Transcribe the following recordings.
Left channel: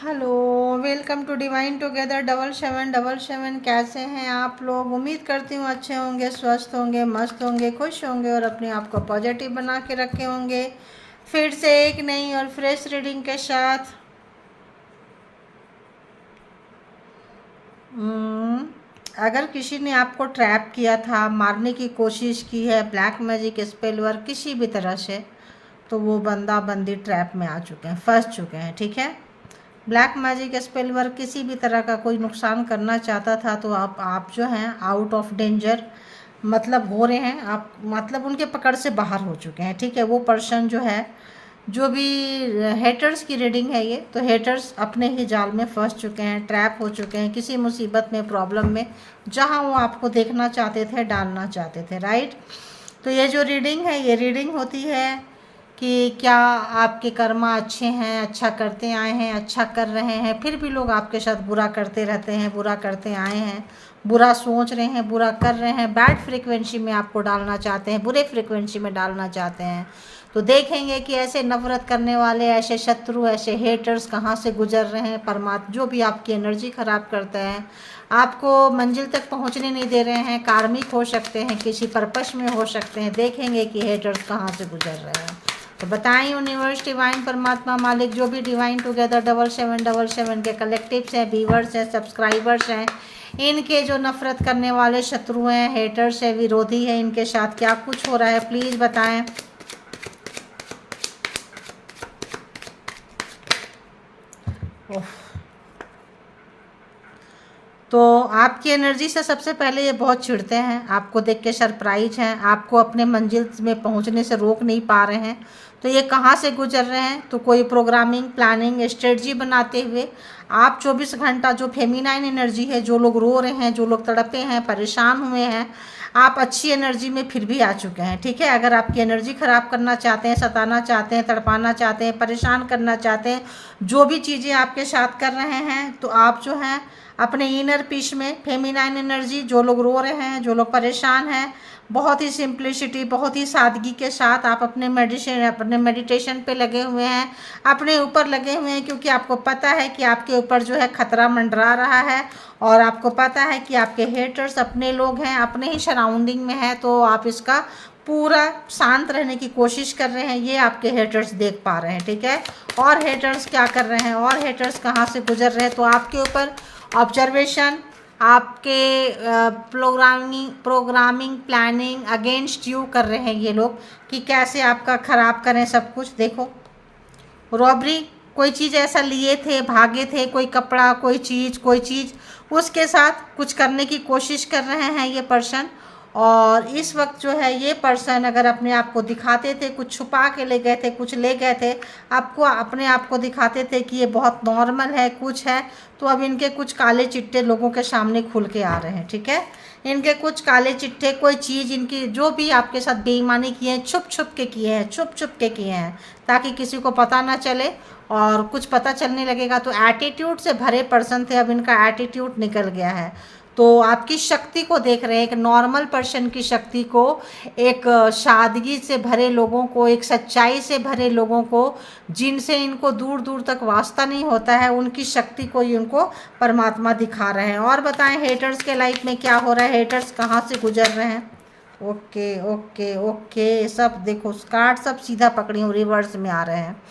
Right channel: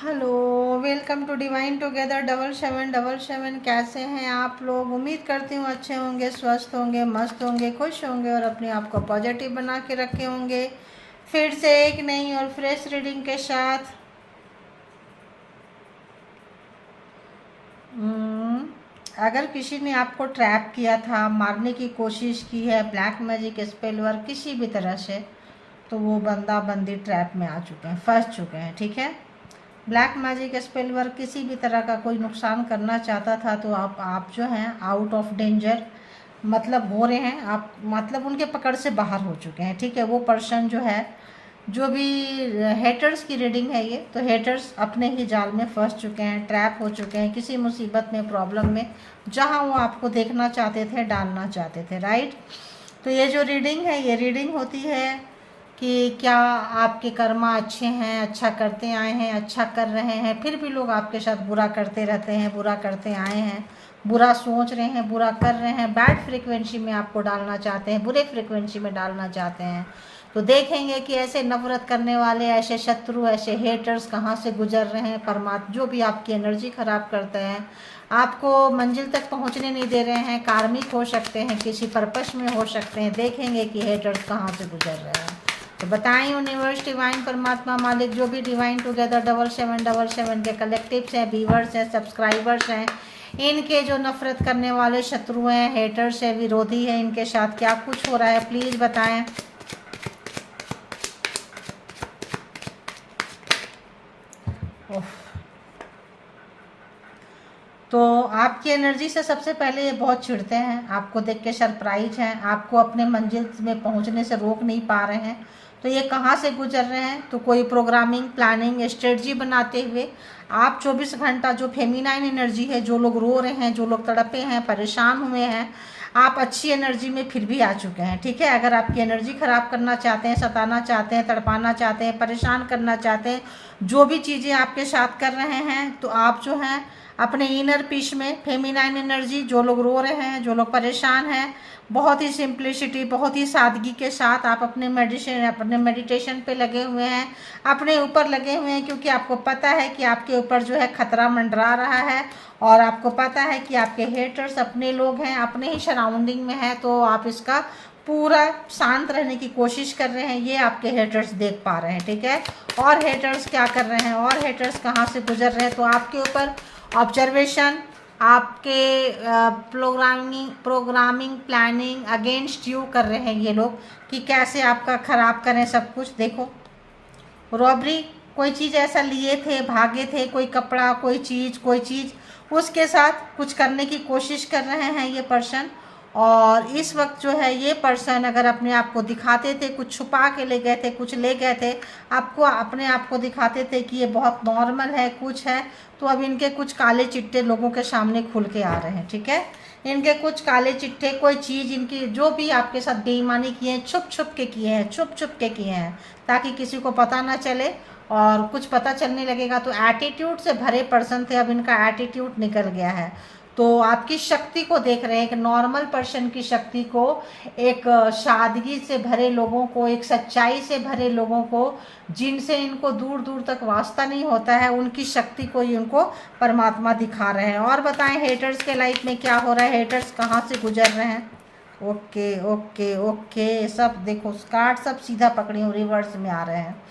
Hello, welcome to divine together 7777। कैसे हैं आप लोग? उम्मीद करती हूँ अच्छे होंगे, स्वस्थ होंगे, मस्त होंगे, खुश होंगे और अपने आप को पॉजिटिव बना के रखे होंगे। फिर से एक नई और फ्रेश रीडिंग के साथ। अगर किसी ने आपको ट्रैप किया था, मारने की कोशिश की है, ब्लैक मैजिक, स्पेल वर्क, किसी भी तरह से, तो वो बंदा बंदी ट्रैप में आ चुके हैं, फंस चुके हैं। ठीक है, ब्लैक मैजिक, स्पेल वर्क किसी भी तरह का कोई नुकसान करना चाहता था तो आप जो हैं आउट ऑफ डेंजर मतलब हो रहे हैं, आप मतलब उनके पकड़ से बाहर हो चुके हैं। ठीक है, वो पर्सन जो है, जो भी हेटर्स की रीडिंग है ये, तो हेटर्स अपने ही जाल में फंस चुके हैं, ट्रैप हो चुके हैं किसी मुसीबत में, प्रॉब्लम में, जहां वो आपको देखना चाहते थे, डालना चाहते थे। राइट, तो ये जो रीडिंग है, ये रीडिंग होती है कि क्या आपके कर्मा अच्छे हैं, अच्छा करते आए हैं, अच्छा कर रहे हैं, फिर भी लोग आपके साथ बुरा करते रहते हैं, बुरा करते आए हैं, बुरा सोच रहे हैं, बुरा कर रहे हैं, बैड फ्रीक्वेंसी में आपको डालना चाहते हैं, बुरे फ्रीक्वेंसी में डालना चाहते हैं। तो देखेंगे कि ऐसे नफरत करने वाले, ऐसे शत्रु, ऐसे हेटर्स कहाँ से गुजर रहे हैं। परमात्मा जो भी आपकी एनर्जी खराब करता है, आपको मंजिल तक पहुंचने नहीं दे रहे हैं, कार्मिक हो सकते हैं, किसी पर्पस में हो सकते हैं। देखेंगे कि हेटर्स कहाँ से गुजर रहे हैं। तो बताएं यूनिवर्स, डिवाइन, परमात्मा, मालिक, जो भी डिवाइन टुगेदर 7777 के कलेक्टिव्स हैं, व्यूअर्स हैं, सब्सक्राइबर्स हैं, इनके जो नफरत करने वाले शत्रु हैं, हेटर्स हैं, विरोधी हैं, इनके साथ क्या कुछ हो रहा है, प्लीज़ बताएं। तो आपकी एनर्जी से सबसे पहले ये बहुत चिढ़ते हैं, आपको देख के सरप्राइज हैं, आपको अपने मंजिल में पहुंचने से रोक नहीं पा रहे हैं। तो ये कहाँ से गुजर रहे हैं? तो कोई प्रोग्रामिंग, प्लानिंग, स्ट्रेटजी बनाते हुए आप 24 घंटा जो फेमिनाइन एनर्जी है, जो लोग रो रहे हैं, जो लोग तड़पे हैं, परेशान हुए हैं, आप अच्छी एनर्जी में फिर भी आ चुके हैं। ठीक है, अगर आपकी एनर्जी ख़राब करना चाहते हैं, सताना चाहते हैं, तड़पाना चाहते हैं, परेशान करना चाहते हैं, जो भी चीज़ें आपके साथ कर रहे हैं, तो आप जो हैं अपने इनर पीस में फेमिनाइन एनर्जी, जो लोग रो रहे हैं, जो लोग परेशान हैं, बहुत ही सिंप्लिसिटी, बहुत ही सादगी के साथ आप अपने मेडिटेशन पे लगे हुए हैं, अपने ऊपर लगे हुए हैं, क्योंकि आपको पता है कि आपके ऊपर जो है खतरा मंडरा रहा है, और आपको पता है कि आपके हेटर्स अपने लोग हैं, अपने ही सराउंडिंग में है। तो आप इसका पूरा शांत रहने की कोशिश कर रहे हैं, ये आपके हेटर्स देख पा रहे हैं। ठीक है, और हेटर्स क्या कर रहे हैं, और हेटर्स कहाँ से गुजर रहे हैं? तो आपके ऊपर ऑब्जर्वेशन, आपके प्रोग्रामिंग प्लानिंग अगेंस्ट यू कर रहे हैं ये लोग, कि कैसे आपका ख़राब करें सब कुछ। देखो, रॉबरी, कोई चीज़ ऐसा लिए थे, भागे थे, कोई कपड़ा, कोई चीज़, उसके साथ कुछ करने की कोशिश कर रहे हैं ये पर्सन। और इस वक्त जो है ये पर्सन अगर अपने आप को दिखाते थे, कुछ छुपा के ले गए थे, कुछ ले गए थे, आपको अपने आप को दिखाते थे कि ये बहुत नॉर्मल है, कुछ है, तो अब इनके कुछ काले चिट्टे लोगों के सामने खुल के आ रहे हैं। ठीक है, इनके कुछ काले चिट्टे, कोई चीज़ इनकी जो भी आपके साथ बेईमानी किए हैं, छुप छुप के किए हैं, छुप छुप के किए हैं, ताकि किसी को पता ना चले। और कुछ पता चलने लगेगा तो एटीट्यूड से भरे पर्सन थे, अब इनका एटीट्यूड निकल गया है। तो आपकी शक्ति को देख रहे हैं, एक नॉर्मल पर्सन की शक्ति को, एक सादगी से भरे लोगों को, एक सच्चाई से भरे लोगों को, जिनसे इनको दूर दूर तक वास्ता नहीं होता है, उनकी शक्ति को ही उनको परमात्मा दिखा रहे हैं। और बताएं हेटर्स के लाइफ में क्या हो रहा है, हेटर्स कहाँ से गुजर रहे हैं? ओके ओके ओके, सब देखो कार्ड सब सीधा पकड़ी हूँ, रिवर्स में आ रहे हैं।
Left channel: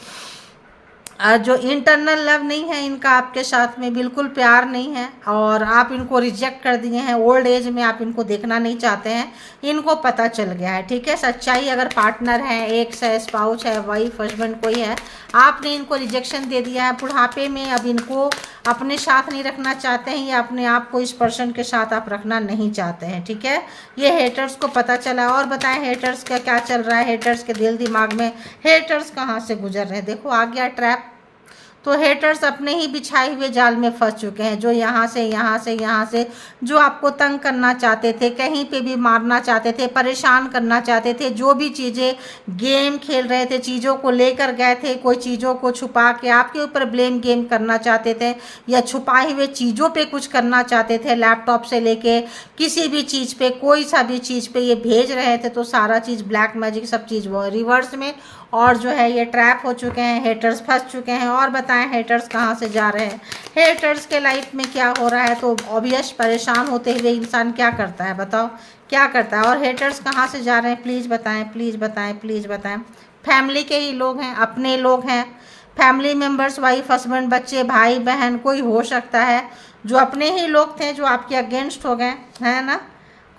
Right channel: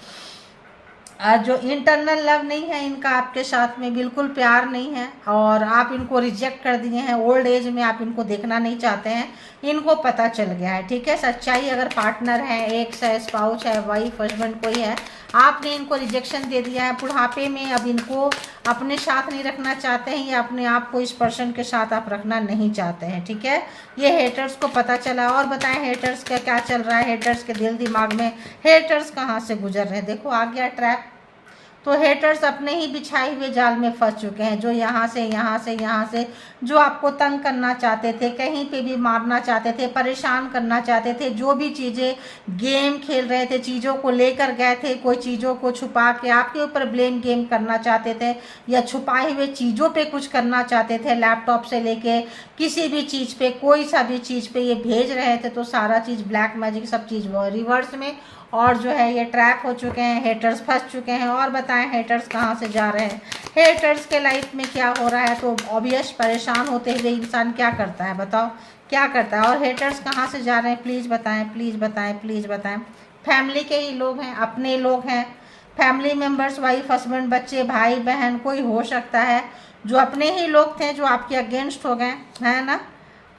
जो इंटरनल लव नहीं है इनका आपके साथ में, बिल्कुल प्यार नहीं है, और आप इनको रिजेक्ट कर दिए हैं, ओल्ड एज में आप इनको देखना नहीं चाहते हैं, इनको पता चल गया है। ठीक है, सच्चाई, अगर पार्टनर है, एक स्पाउस है, वाइफ, हस्बैंड कोई है, आपने इनको रिजेक्शन दे दिया है बुढ़ापे में, अब इनको अपने साथ नहीं रखना चाहते हैं, या अपने आप को इस पर्सन के साथ आप रखना नहीं चाहते हैं। ठीक है, ये हेटर्स को पता चला है। और बताएं हेटर्स का क्या चल रहा है, हेटर्स के दिल दिमाग में, हेटर्स कहाँ से गुजर रहे हैं? देखो आ गया ट्रैप। तो हेटर्स अपने ही बिछाए हुए जाल में फंस चुके हैं, जो यहाँ से जो आपको तंग करना चाहते थे, कहीं पे भी मारना चाहते थे, परेशान करना चाहते थे, जो भी चीज़ें गेम खेल रहे थे, चीज़ों को लेकर गए थे, कोई चीज़ों को छुपा के आपके ऊपर ब्लेम गेम करना चाहते थे, या छुपाए हुए चीज़ों पे कुछ करना चाहते थे, लैपटॉप से लेके किसी भी चीज़ पे, कोई सा भी चीज़ पे ये भेज रहे थे, तो सारा चीज़ ब्लैक मैजिक सब चीज़ वो रिवर्स में। और जो है ये ट्रैप हो चुके हैं, हेटर्स फंस चुके हैं। और बताएं हेटर्स कहाँ से जा रहे हैं, हेटर्स के लाइफ में क्या हो रहा है। तो ऑब्वियस परेशान होते हुए इंसान क्या करता है, बताओ क्या करता है। और हेटर्स कहाँ से जा रहे हैं, प्लीज़ बताएं, प्लीज़ बताएं, प्लीज़ बताएं। फैमिली के ही लोग हैं, अपने लोग हैं, फैमिली मेम्बर्स, वाइफ हस्बैंड बच्चे भाई बहन कोई हो सकता है, जो अपने ही लोग थे जो आपके अगेंस्ट हो गए, है ना।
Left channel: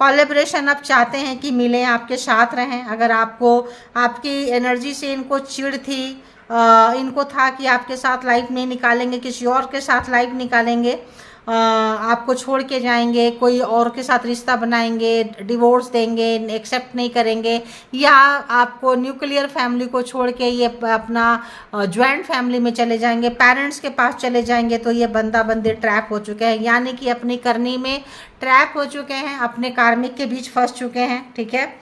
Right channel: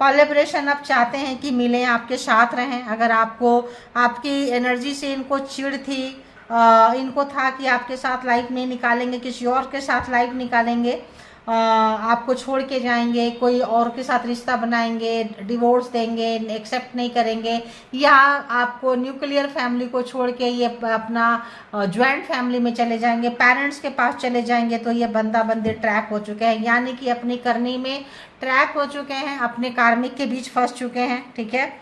कोलैबोरेशन आप चाहते हैं कि मिले, आपके साथ रहें। अगर आपको आपकी एनर्जी से इनको चिढ़ थी, इनको था कि आपके साथ लाइफ नहीं निकालेंगे, किसी और के साथ लाइफ निकालेंगे, आपको छोड़ के जाएंगे, कोई और के साथ रिश्ता बनाएंगे, डिवोर्स देंगे, एक्सेप्ट नहीं करेंगे, या आपको न्यूक्लियर फैमिली को छोड़ के ये अपना ज्वाइंट फैमिली में चले जाएंगे, पेरेंट्स के पास चले जाएंगे, तो ये बंदा बंदी ट्रैप हो चुके हैं, यानी कि अपनी करनी में ट्रैप हो चुके हैं, अपने कार्मिक के बीच फंस चुके हैं। ठीक है,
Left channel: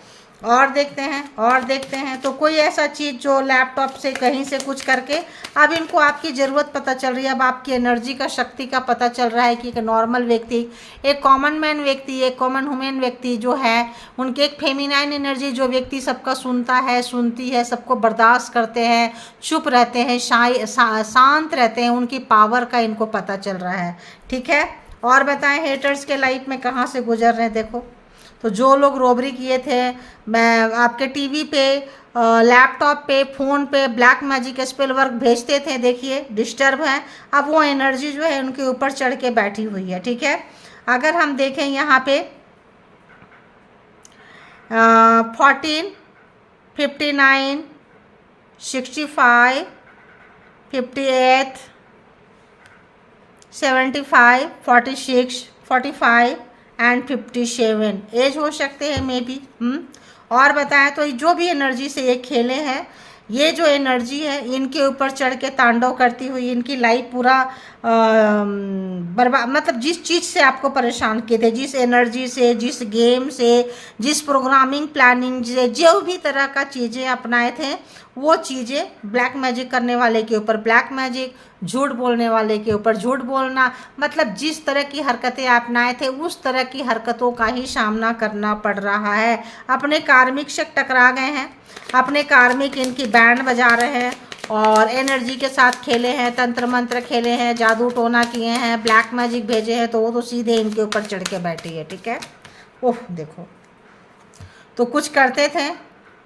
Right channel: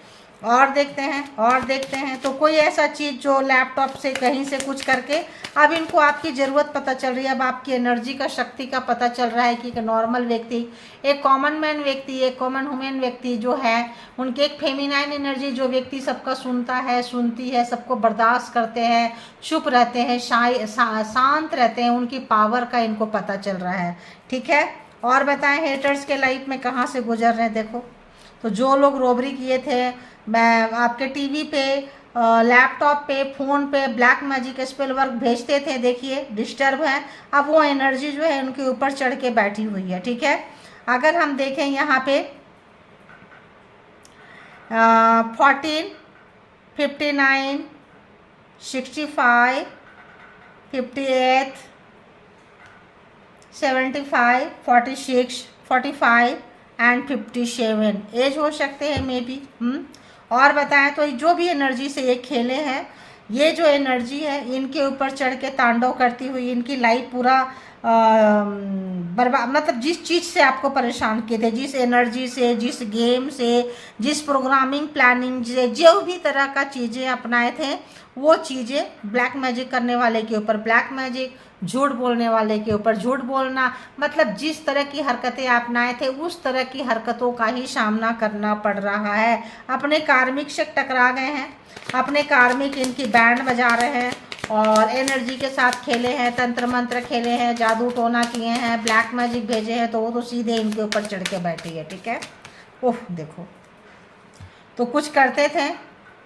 और देखते हैं, और देखते हैं। तो कोई ऐसा चीज़ जो लैपटॉप से कहीं से कुछ करके अब इनको आपकी ज़रूरत पता चल रही है, अब आपकी एनर्जी का शक्ति का पता चल रहा है कि एक नॉर्मल व्यक्ति, एक कॉमन मैन व्यक्ति, एक कॉमन ह्यूमन व्यक्ति जो है, उनके एक फेमिनाइन एनर्जी, जो व्यक्ति सबका सुनता है, सुनती है, सबको बर्दाश्त करते हैं, चुप रहते हैं, शांत रहते हैं, उनकी पावर का इनको पता चल रहा है। ठीक है, और बताएं हेटर्स के लाइफ में कहाँ से गुजर रहे हैं। देखो, तो जो लोग रॉबरी किए थे, मैं आपके टीवी पे, लैपटॉप पे, फ़ोन पे ब्लैक मैजिक स्पेल वर्क भेजते थे, देखिए डिस्टर्ब है, अब वो एनर्जी जो है उनके ऊपर चढ़ के बैठी हुई है। ठीक है, अगर हम देखें यहाँ पे 14, 59, 65, 58, 75, 46, 45 एंड 57 एज हो सकते हैं मे बी। और बताएं तो जो भी एनर्जी से ये खेले हैं, ये जो एनर्जी है इनके ऊपर चढ़ के तांडव करती हुई इनकी लाइफ पूरा बर्बाद, मतलब जिस चीज़ से आपको परेशान किए थे, जिस एनर्जी से, जिस गेम से, जिस प्रोग्रामिंग प्लानिंग से, जो भी तरह का चीज़ें अपनाए थे, वो चीज़ें ब्लैक मैजिक करने वाले के ऊपर ब्लैक मैजिक, झूठ बोलने वाले के ऊपर झूठ बोलना, मतलब जिस तरह की हरकतें अपनाए थे उस तरह की हरकतों का ही सामना करना पड़ रहा है। अपने कार्मिक से टकरा गए हैं, अपने कार्मिक इनकी बैंड बजा रहे हैं और एनर्जी के साथ खेले हैं, तंत्र मंत्र खेले हैं, जादू टोना किए हैं, ब्लैक मैजिक भेजे हैं, तो वो तो सीधे इनके ऊपर चढ़ के बैठी है। ठीक है, ओह देखो, तो कुछ करते थे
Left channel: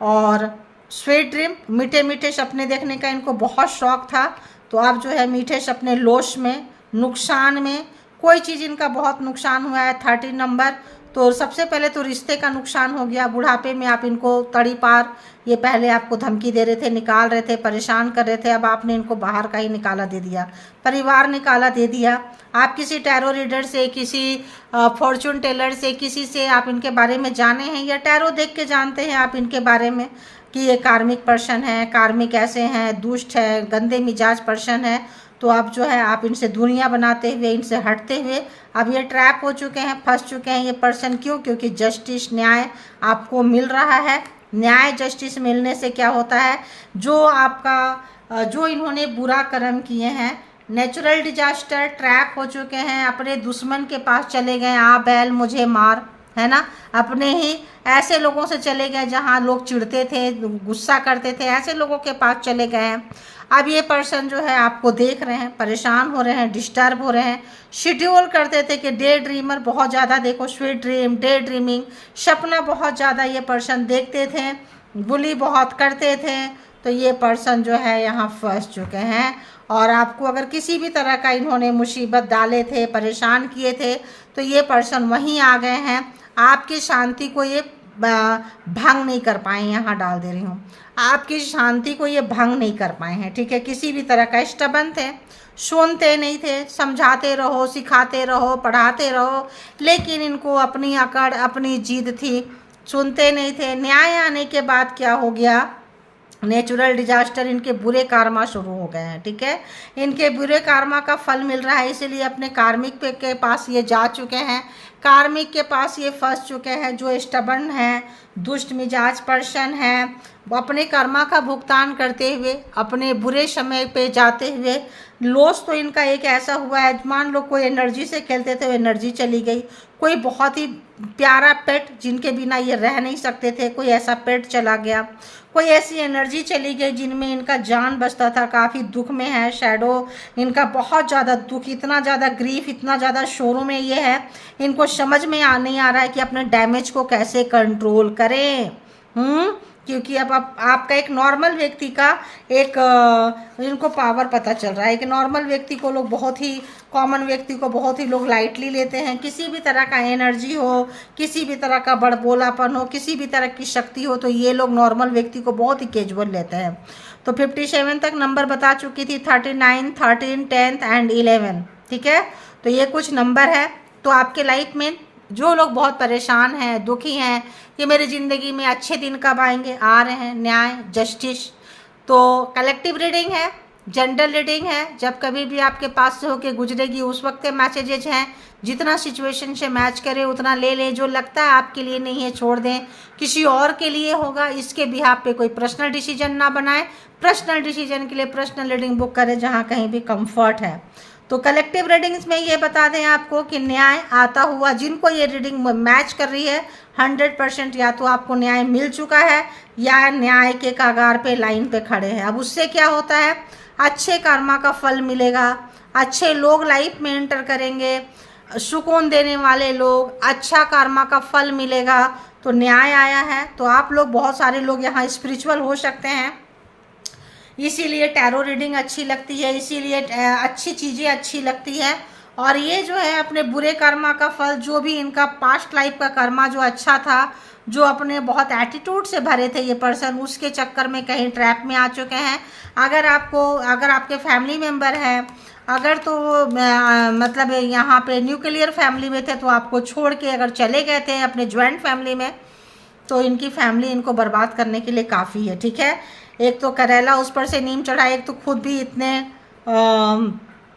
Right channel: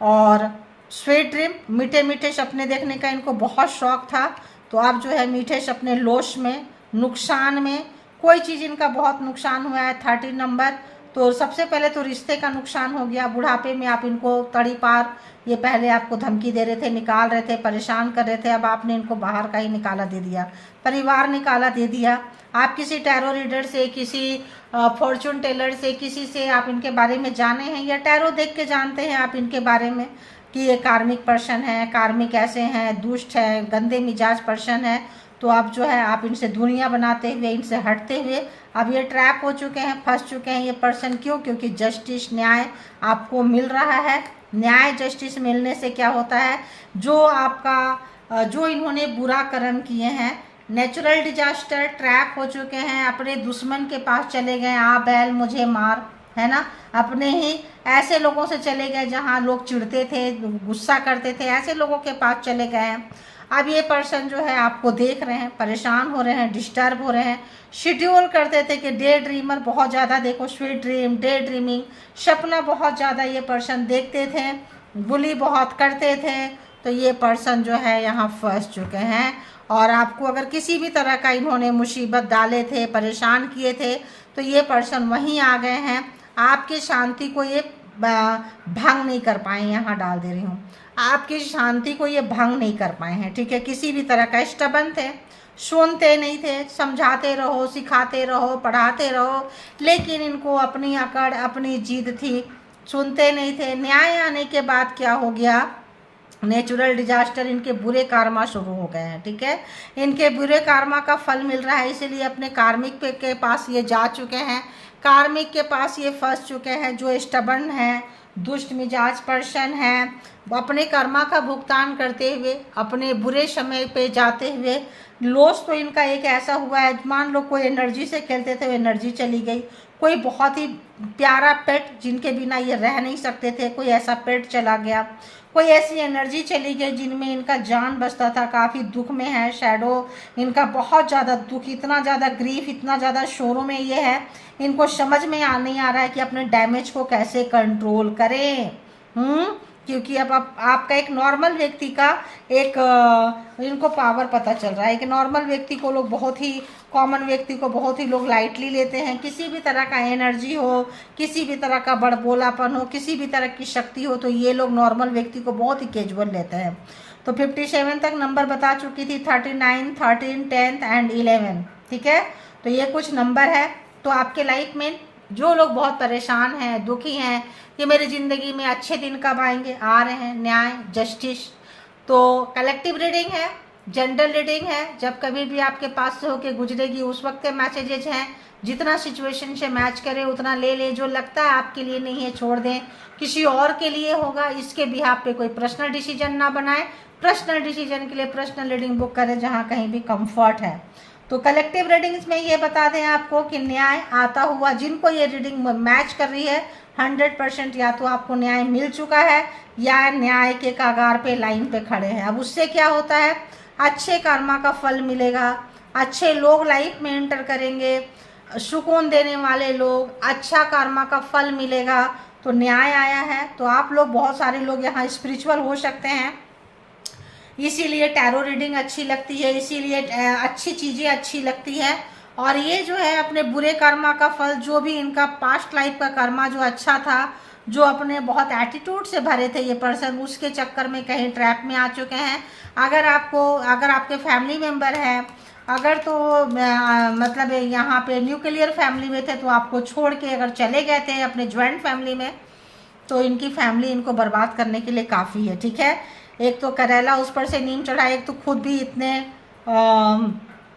और स्वीट ड्रीम, मीठे मीठे सपने देखने का इनको बहुत शौक था। तो अब जो है मीठे सपने, लॉस में, नुकसान में, कोई चीज़ इनका बहुत नुकसान हुआ है। 30 नंबर, तो सबसे पहले तो रिश्ते का नुकसान हो गया। बुढ़ापे में आप इनको तड़ी पार, ये पहले आपको धमकी दे रहे थे, निकाल रहे थे, परेशान कर रहे थे, अब आपने इनको बाहर का ही निकाला दे दिया, परिवार निकाला दे दिया। आप किसी टैरो रीडर से, किसी फॉर्चून टेलर से, किसी से आप इनके बारे में जाने हैं या टैरो देख के जानते हैं आप इनके बारे में कि ये कार्मिक पर्सन है, कार्मिक ऐसे हैं, दुष्ट है, गंदे मिजाज पर्सन है। तो अब जो है आप इनसे दूरियां बनाते हुए, इनसे हटते हुए अब ये ट्रैप हो चुके हैं, फंस चुके हैं ये पर्सन। क्यों? क्योंकि जस्टिस, न्याय आपको मिल रहा है। न्याय जस्टिस मिलने से क्या होता है, जो आपका जो इन्होंने बुरा कर्म किए हैं, नेचुरल डिजास्टर, ट्रैप हो चुके हैं, अपने दुश्मन के पास चले गए, आ बैल मुझे मार, है ना, अपने ही ऐसे लोगों से चले गए जहाँ लोग चिढ़ते थे, गुस्सा करते थे, ऐसे लोगों के पास चले गए हैं। अब ये पर्सन जो है आपको देख रहे हैं, परेशान हो रहे हैं, डिस्टर्ब हो रहे हैं। शेड्यूल करते थे कि डे ड्रीमर बहुत ज़्यादा, देखो स्वीट ड्रीम, डे ड्रीमिंग, सपना बहुत ज़्यादा ये पर्सन देखते थे, बुली बहुत करते थे। तो ये पर्सन जो है यहाँ फंस चुके हैं और आपको अगर किसी भी तरह का इन्होंने मुसीबत डाले थे, परेशान किए थे, तो ये पर्सन वहीं आ गए हैं। आपकी शांति को ये भंग नहीं कर पाए, यहाँ डाल दे रही हूँ, आपकी शांति को ये भंग नहीं कर पाए हैं। ठीक है, किसी भी तरह का स्टबन थे, सुनते नहीं थे, समझाते रहो, सिखाते रहो, पढ़ाते रहो, लेकिन इनको अपनी अकड़, अपनी जिद थी, सुनते नहीं थे। न्याय आने के बाद क्या हो गया, नेचुरल डिजास्टर, इनके बुरे कार्मा शुरू हो गए हैं। ठीक है, इनके बुरे कार्मा का फल मिल रहा है, इसीलिए अपने कार्मिक के पास ये जा चुके हैं, कार्मिक के पास ये फंस चुके हैं। जो स्टबर्न है, दुष्ट मिजाज पर्सन है, अपने कर्मा का भुगतान करते हुए, अपने बुरे समय पे जाते हुए, लॉस तो इनका एक ऐसा हुआ है, मान लो कोई एनर्जी से खेलते थे, एनर्जी चली गई। कोई बहुत ही प्यारा पेट जिनके बिना ये रह नहीं सकते थे, कोई ऐसा पेट चला गया। कोई ऐसी एनर्जी चली गई जिनमें इनका जान बचता था, काफ़ी दुख में है, शैडो इनका बहुत ज़्यादा दुख, इतना ज़्यादा ग्रीफ, इतना ज़्यादा शोरों में ये है, इनको समझ में नहीं आ रहा है कि अपने डैमेज को कैसे कंट्रोल करें। क्योंकि अब आपका एक नॉर्मल व्यक्ति का एक इनको पावर पता चल रहा है कि नॉर्मल व्यक्ति को लोग बहुत ही, कॉमन व्यक्ति को बहुत ही लोग लाइटली लेते हैं। किसी भी तरह का एनर्जी हो, किसी भी तरह का बड़बोलापन हो, किसी भी तरह की शक्ति हो, तो ये लोग नॉर्मल व्यक्ति को बहुत ही कैजुअल लेते हैं। तो 57 तक नंबर बता चुकी थी, 39, 13, 10 एंड 11। ठीक है, तो ये कुछ नंबर है। तो आपके लाइफ में जो लोग बहुत परेशान हैं, दुखी हैं कि मेरी ज़िंदगी में अच्छे दिन कब आएंगे, आ रहे हैं, न्याय, जस्टिस। तो कलेक्टिव रीडिंग है, जनरल रीडिंग है, जब कभी भी आपके पास से होके गुजरेगी उस वक्त के मैसेजेज हैं। जितना सिचुएशन से मैच करे उतना ले लें, जो लगता है आपके लिए नहीं है छोड़ दें, किसी और के लिए होगा, इसके बिहाफ पे कोई पर्सनल डिसीजन ना बनाए। पर्सनल डिसीजन के लिए पर्सनल रीडिंग बुक करें जहाँ कहीं भी कंफर्ट है। तो कलेक्टिव रीडिंग्स में ये बता दें आपको कि न्याय आता हुआ, जिनको ये रीडिंग मैच कर रही है 100% या तो आपको न्याय मिल चुका है या न्याय के कागार पे, लाइन पे खड़े हैं। अब उससे क्या होता है, अच्छे कर्मा का फल मिलेगा, अच्छे लोग लाइफ में एंटर करेंगे, सुकून देने वाले लोग, अच्छा कर्मा का फल मिलेगा। तो न्याय आया है, तो आप लोग, बहुत सारे लोग यहाँ स्पिरिचुअल हो सकते हैं, इसीलिए टैरो रीडिंग अच्छी लगती है, इसीलिए अच्छी चीज़ें अच्छी लगती है। और ये जो है अपने बुरे कर्मा का फल, जो भी इनका पास्ट लाइफ का कर्मा जो अच्छा था, जो अपने बहुत एटीट्यूड से भरे थे ये पर्सन, उसके चक्कर में कहीं ट्रैप में आ चुके हैं। अगर आपके फैमिली मेम्बर हैं, अगर तो मतलब यहाँ पे न्यूक्लियर फैमिली में थे तो आपको छोड़ के अगर चले गए थे अपने ज्वाइंट फैमिली में, तो इनकी फैमिली इनको बर्बाद करने के लिए काफ़ी है। ठीक है, एक तो करेला उस पर से नीम चढ़ा, एक तो खुद भी इतने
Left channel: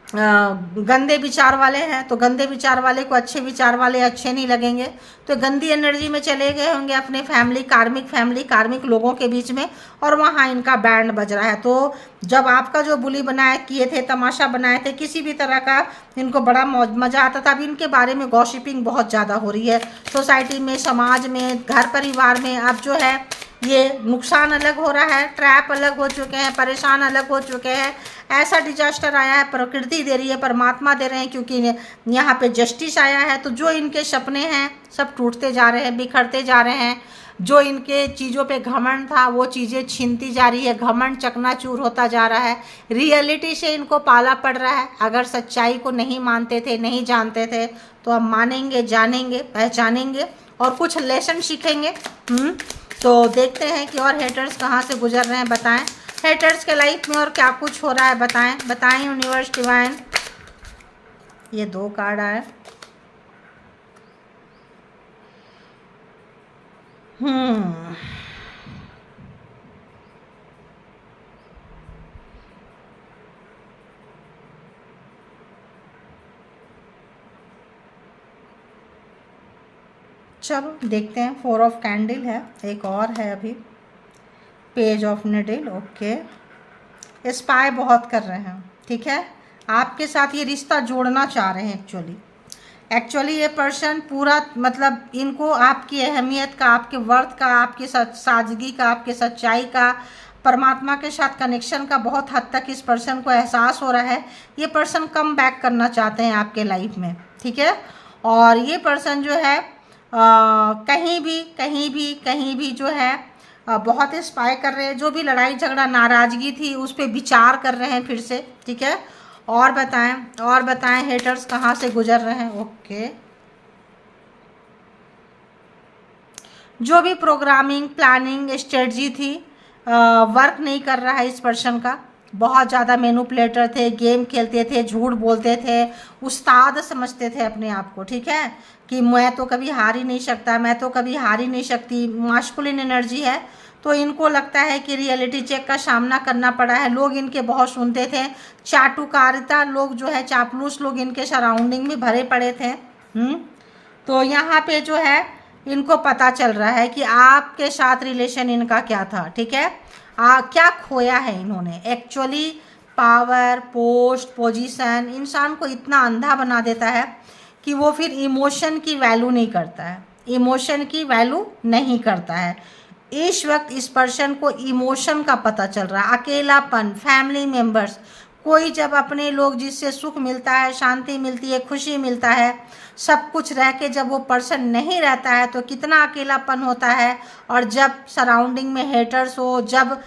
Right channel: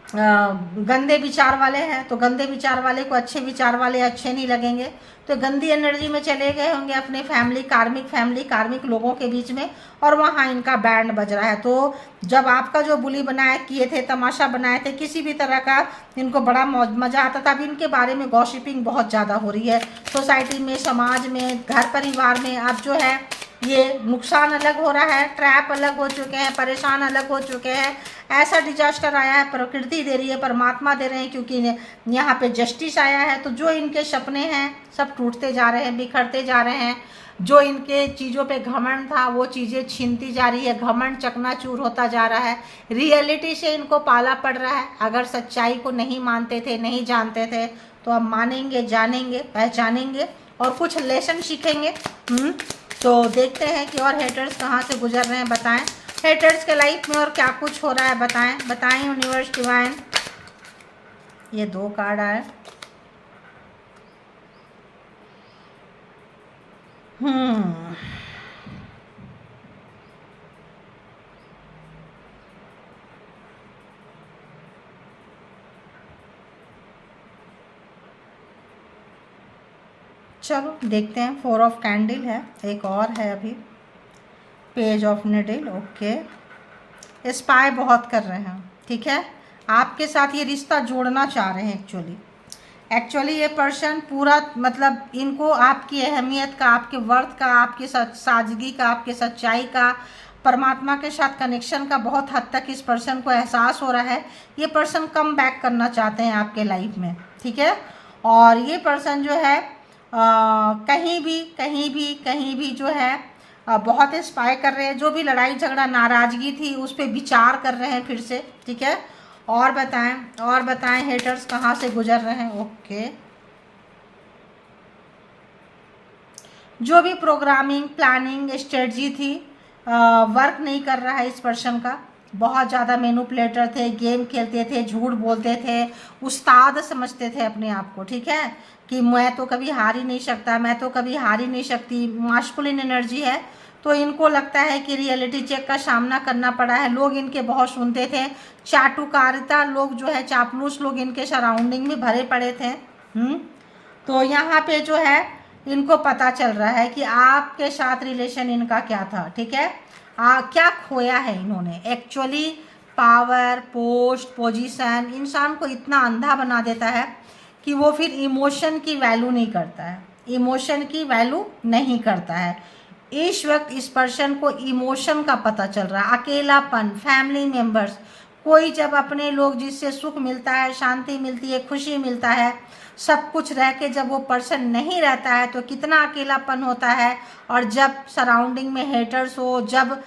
गंदे विचार वाले हैं, तो गंदे विचार वाले को अच्छे विचार वाले अच्छे नहीं लगेंगे, तो गंदी एनर्जी में चले गए होंगे अपने फैमिली कार्मिक लोगों के बीच में, और वहाँ इनका बैंड बज रहा है। तो जब आपका जो बुली बनाए किए थे, तमाशा बनाए थे, किसी भी तरह का इनको बड़ा मज़ा आता था, अब इनके बारे में गॉसिपिंग बहुत ज़्यादा हो रही है सोसाइटी में, समाज में, घर परिवार में। अब जो है ये नुकसान अलग हो रहा है, ट्रैप अलग हो चुके हैं, परेशान अलग हो चुके हैं। ऐसा डिजास्टर आया है, प्रकृति दे रही है, परमात्मा दे रहे हैं, क्योंकि यहाँ पे जस्टिस आया है। तो जो इनके सपने हैं सब टूटते जा रहे हैं, बिखरते जा रहे हैं। जो इनके चीज़ों पे घमंड था वो चीज़ें छीनती जा रही है, घमंड चकनाचूर होता जा रहा है, रियलिटी से इनको पाला पड़ रहा है। अगर सच्चाई को नहीं मानते थे, नहीं जानते थे, तो अब मानेंगे, जानेंगे, पहचानेंगे और कुछ लेसन सीखेंगे। तो देखते हैं कि और हेटर्स कहाँ से गुजर रहे हैं, बताएं हेटर्स के लाइफ में और क्या कुछ हो रहा है, बताएं यूनिवर्स डिवाइन। ये 2 कार्ड आए। चलो देखते हैं। 4 ऑफ कैंडल है, एक और है अभी, page of needle. Okay, spy बहुत कर रहे हैं। ठीक है, आपके साथ ये रिश्ता जोड़ना चाह रहे हैं। एक्चुअली ये पर्सन पूरा, मतलब इनको आपकी अहमियत का, आपके वर्थ का, आपकी सादगी का, आपके सच्चाई का, परमात्मा के साथ कनेक्शन का बहुत हद तक इस पर्सन को एहसास हो रहा है। ये पर्सन कम बैक करना चाहते हैं आपके लाइफ में। ठीक है, और ये पर्सन जो है कहीं भी जो है बहुत स्पाई कर रहे हैं। जो भी लड़ाई झगड़ा नाराज़गी थी उस पर विचार कर रहे हैं फिर से। ठीक है, और बताएं हेटर्स कहाँ से गुजर रहे हैं। ओके, जो भी प्रोग्रामिंग, प्लानिंग, स्ट्रेटजी थी वर्क नहीं कर रहा है इस पर्सन का। बहुत ज़्यादा मैनिपुलेटर थे, गेम खेलते थे, झूठ बोलते थे, उस्ताद समझते थे अपने आप को। ठीक है, कि मैं तो कभी हार ही नहीं सकता, मैं तो कभी हार ही नहीं सकती। मास्कुलिन एनर्जी है, तो इनको लगता है कि रियलिटी चेक का सामना करना पड़ा है। लोग इनके बहुत सुनते थे, चाटुकारिता लोग जो है, चापलूस लोग इनके सराउंडिंग में भरे पड़े थे। तो यहाँ पे जो है इनको पता चल रहा है कि आपके साथ रिलेशन इनका क्या था। ठीक है, क्या खोया है इन्होंने। एक्चुअली पावर, पोस्ट, पोजीशन इंसान को इतना अंधा बना देता है कि वो फिर इमोशन की वैल्यू नहीं करता है, इमोशन की वैल्यू नहीं करता है। इस वक्त इस पर्सन को इमोशन का पता चल रहा है, अकेलापन, फैमिली मेंबर्स, कोई जब अपने लोग जिससे सुख मिलता है, शांति मिलती है, खुशी मिलता है, सब कुछ रह के जब वो पर्सन नहीं रहता है तो कितना अकेलापन होता है। और जब सराउंडिंग में हेटर्स हो, जब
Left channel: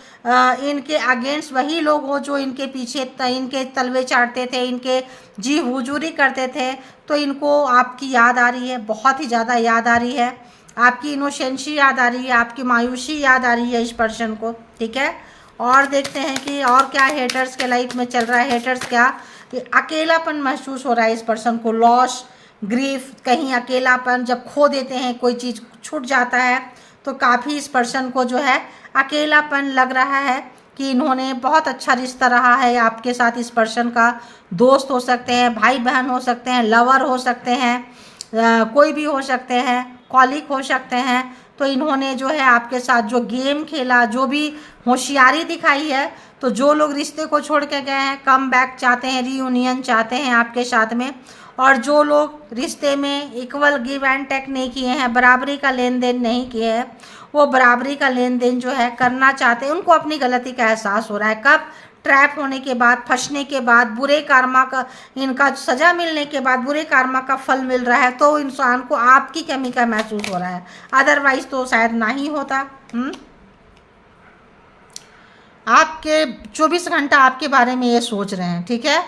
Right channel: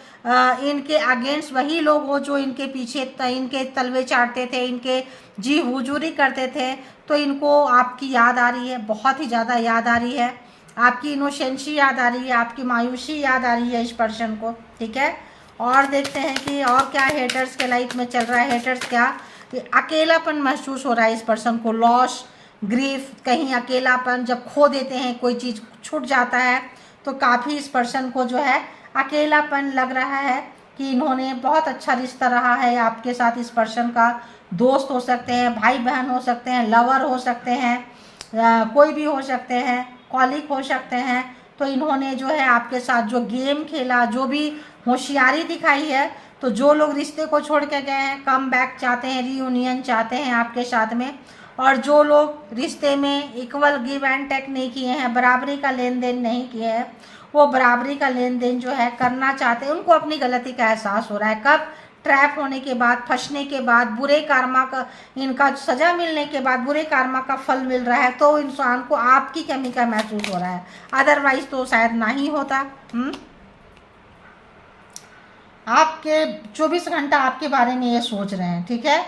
इनके अगेंस्ट वही लोग हो जो इनके पीछे इनके तलवे चाटते थे, इनके जी हुजूरी करते थे, तो इनको आपकी याद आ रही है, बहुत ही ज़्यादा याद आ रही है, आपकी इनोसेंसी याद आ रही है, आपकी मायूसी याद आ रही है इस पर्सन को। ठीक है, और देखते हैं कि और क्या हेटर्स के लाइफ में चल रहा है। हेटर्स क्या, अकेलापन महसूस हो रहा है इस पर्सन को, लॉस, ग्रीफ, कहीं अकेलापन, जब खो देते हैं, कोई चीज़ छूट जाता है तो काफ़ी इस पर्सन को जो है अकेलापन लग रहा है कि इन्होंने बहुत अच्छा रिश्ता रहा है आपके साथ। इस पर्सन का दोस्त हो सकते हैं, भाई बहन हो सकते हैं, लवर हो सकते हैं, कोई भी हो सकते हैं, कॉलीग हो सकते हैं। तो इन्होंने जो है आपके साथ जो गेम खेला, जो भी होशियारी दिखाई है, तो जो लोग रिश्ते को छोड़ के गए हैं, कम बैक चाहते हैं, रीयूनियन चाहते हैं आपके साथ में, और जो लोग रिश्ते में इक्वल गिव एंड टेक नहीं किए हैं, बराबरी का लेन देन नहीं किए हैं, वो बराबरी का लेन देन जो है करना चाहते हैं। उनको अपनी गलती का एहसास हो रहा है, कब, ट्रैप होने के बाद, फंसने के बाद, बुरे कर्मा का, इनका सज़ा मिलने के बाद बुरे कर्मा का फल मिल रहा है, तो इंसान को आपकी कमी का महसूस हो रहा है, अदरवाइज तो शायद ना ही होता। आपके 24 घंटा आपके बारे में ये सोच रहे हैं। ठीक है,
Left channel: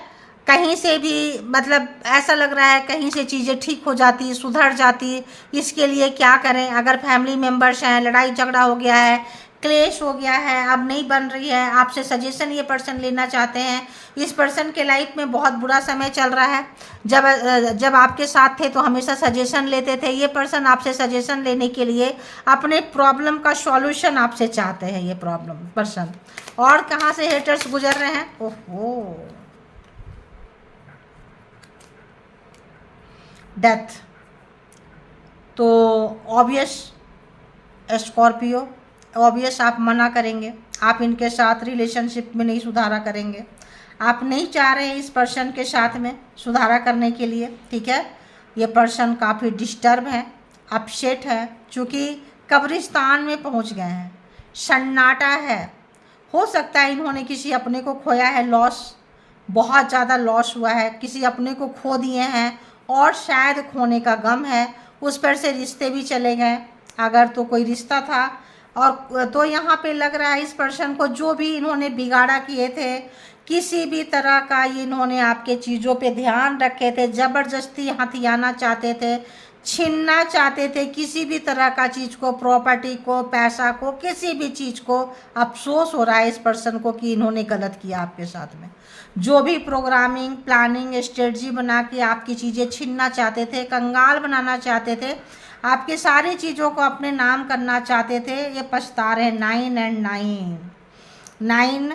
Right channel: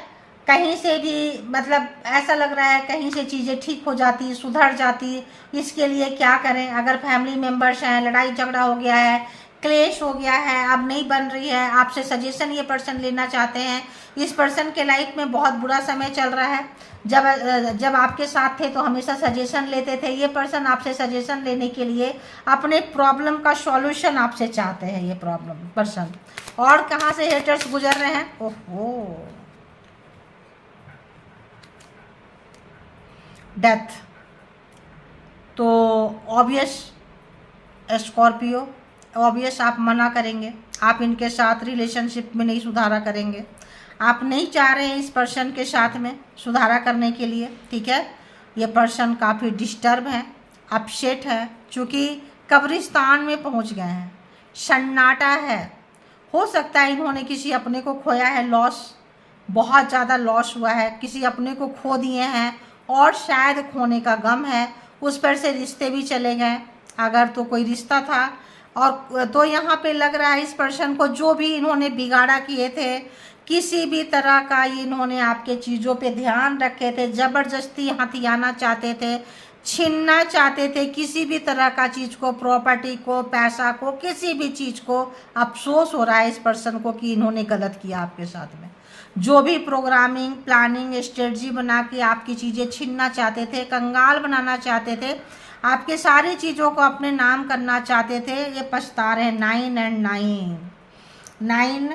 कहीं से भी मतलब ऐसा लग रहा है कहीं से चीज़ें ठीक हो जाती, सुधर जाती, इसके लिए क्या करें। अगर फैमिली मेम्बर्स हैं, लड़ाई झगड़ा हो गया है, क्लेश हो गया है, अब नहीं बन रही है, आपसे सजेशन ये पर्सन लेना चाहते हैं। इस पर्सन के लाइफ में बहुत बुरा समय चल रहा है। जब आपके साथ थे तो हमेशा सजेशन लेते थे, ये पर्सन आपसे सजेशन लेने के लिए अपने प्रॉब्लम का सॉल्यूशन आपसे चाहते हैं ये प्रॉब्लम पर्सन। और कहाँ से हेटर्स गुजर रहे हैं, ओहो, डेथ। तो ऑब्वियस स्कॉर्पियो, ऑब्वियस आप मना करेंगे, आप इनके साथ रिलेशनशिप में नहीं सुधारा करेंगे, आप नहीं चाह रहे हैं इस पर्सन के साथ में सुधारा करने के लिए। ठीक है, ये पर्सन काफ़ी डिस्टर्ब है, अपसेट है, चूँकि कब्रिस्तान में पहुंच गए हैं, सन्नाटा है। हो सकता है इन्होंने किसी अपने को खोया है, लॉस, बहुत ज़्यादा लॉस हुआ है, किसी अपने को खो दिए हैं और शायद खोने का गम है, उस पर से रिश्ते भी चले गए अगर तो कोई रिश्ता था। और तो यहाँ पे लग रहा है इस पर्सन को जो भी इन्होंने बिगाड़ा किए थे, किसी भी तरह का इन्होंने आपके चीज़ों पे ध्यान रखे थे, ज़बरदस्ती हथियाना चाहते थे, छीनना चाहते थे, किसी भी तरह का चीज़ को, प्रॉपर्टी को, पैसा को, किसी भी चीज़ को अफसोस हो रहा है इस पर्सन को कि इन्होंने गलत किया आपके साथ में। जो भी प्रोग्रामिंग, प्लानिंग, स्ट्रेटजी बना के आपकी चीज़ें छीनना चाहते थे, कंगाल बनाना चाहते थे, आपके सारी चीज़ों को अपने नाम करना चाहते थे, ये पछता रहे। 9 and 9, 9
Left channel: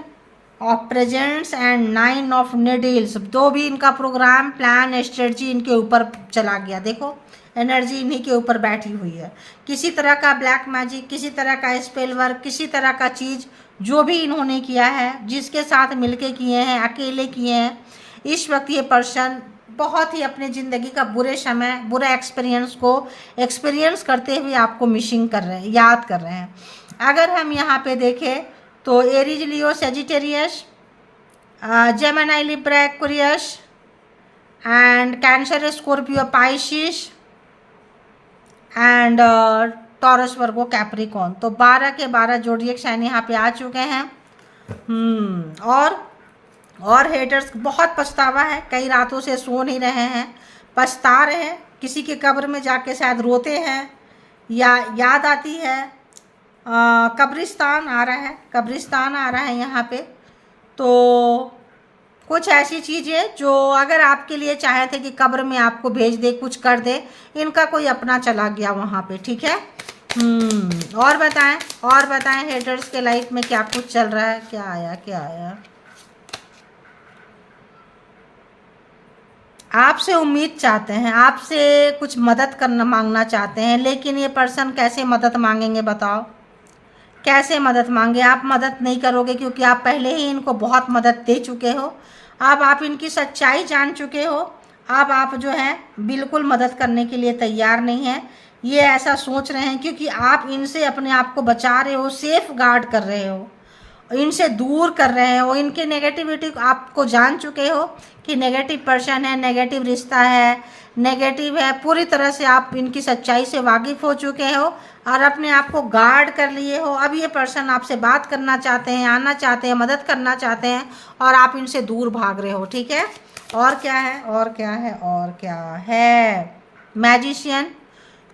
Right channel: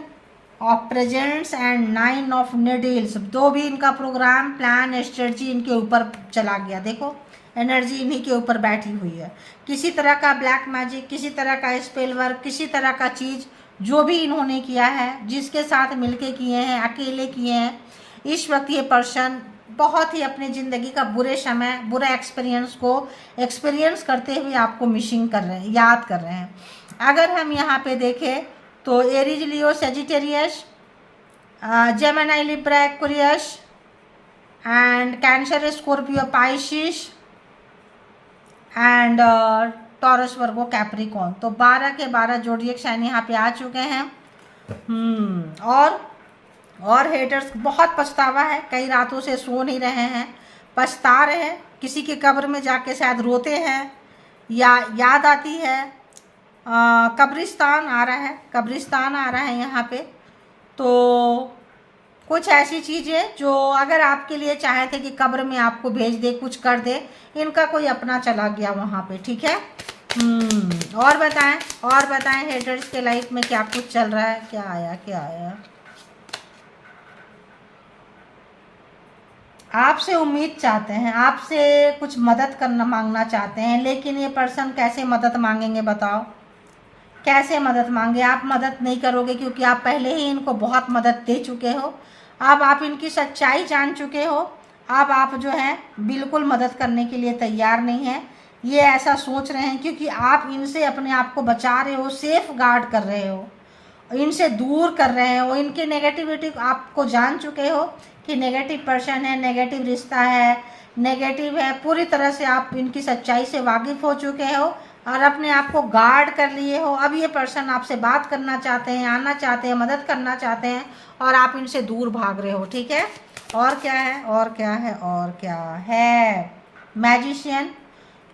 of presents and 9 of needles, दो भी इनका प्रोग्राम, प्लान, स्ट्रेटजी इनके ऊपर चला गया। देखो एनर्जी इन्हीं के ऊपर बैठी हुई है। किसी तरह का ब्लैक मैजिक, किसी तरह का स्पेल वर्क, किसी तरह का चीज़ जो भी इन्होंने किया है, जिसके साथ मिलके किए हैं, अकेले किए हैं, इस वक्त ये पर्सन बहुत ही अपने ज़िंदगी का बुरे समय, बुरा एक्सपीरियंस को एक्सपीरियंस करते हुए आपको मिसिंग कर रहे हैं, याद कर रहे हैं। अगर हम यहाँ पे देखें तो Aries, Leo, Sagittarius, Gemini, Libra, Aquarius and cancer, Scorpio, Pisces and taurus, Virgo, Capricorn, तो 12 के 12 जोडिएक साइन यहाँ पे आ चुके हैं। और हेटर्स बहुत पछतावा है, कई रातों से सो नहीं रहे हैं, पछता रहे हैं, किसी के कब्र में जाके शायद रोते हैं या याद आती है। कब्रिस्तान आ रहा है, कब्रिस्तान आ रहा है यहाँ पे। तो कुछ ऐसी चीज़ें जो अगर आपके लिए चाहे थे कि कब्र में आपको भेज दे, कुछ कर दे, इनका कोई अपना चला गया वहाँ पे। ठीक है, और बताएं हेटर्स के लाइफ में क्या कुछ चल रहा है, क्या आया। आपसे उम्मीद चाहते हैं, आपसे कुछ मदद मांगना चाहते हैं, लेकिन ये पर्सन कैसे मदद मांगेंगे बताओ, कैसे मदद मांगे। आप मदद नहीं करोगे क्योंकि आप पहले ही इनको बहुत मदद दे चुके हो, अब आप इनकी सच्चाई जान चुके हो, अब आप जो है बिल्कुल मदद करने के लिए तैयार नहीं हैं। ये ऐसा सोच रहे हैं, क्योंकि आप इनसे अपने आप को बचा रहे हो, सेफ गार्ड कर रहे हो, इनसे दूर कर रहे हो, इनके नेगेटिविटी आपको जान चुके हो कि नेगेटिव पर्सन है, नेगेटिव रिश्ता है, नेगेटिव है, पूरी तरह से आप इनकी सच्चाई से वाकिफ हो चुके हो और अपने आप को गार्ड कर लिए हो। अब ये पर्सन आपसे बात करना चाहते हैं, आना चाहते हैं, मदद करना चाहते हैं और आप इनसे दूर भाग रहे हो। ठीक है, और क्या है, और क्या है, और क्या है, मैजिशियन।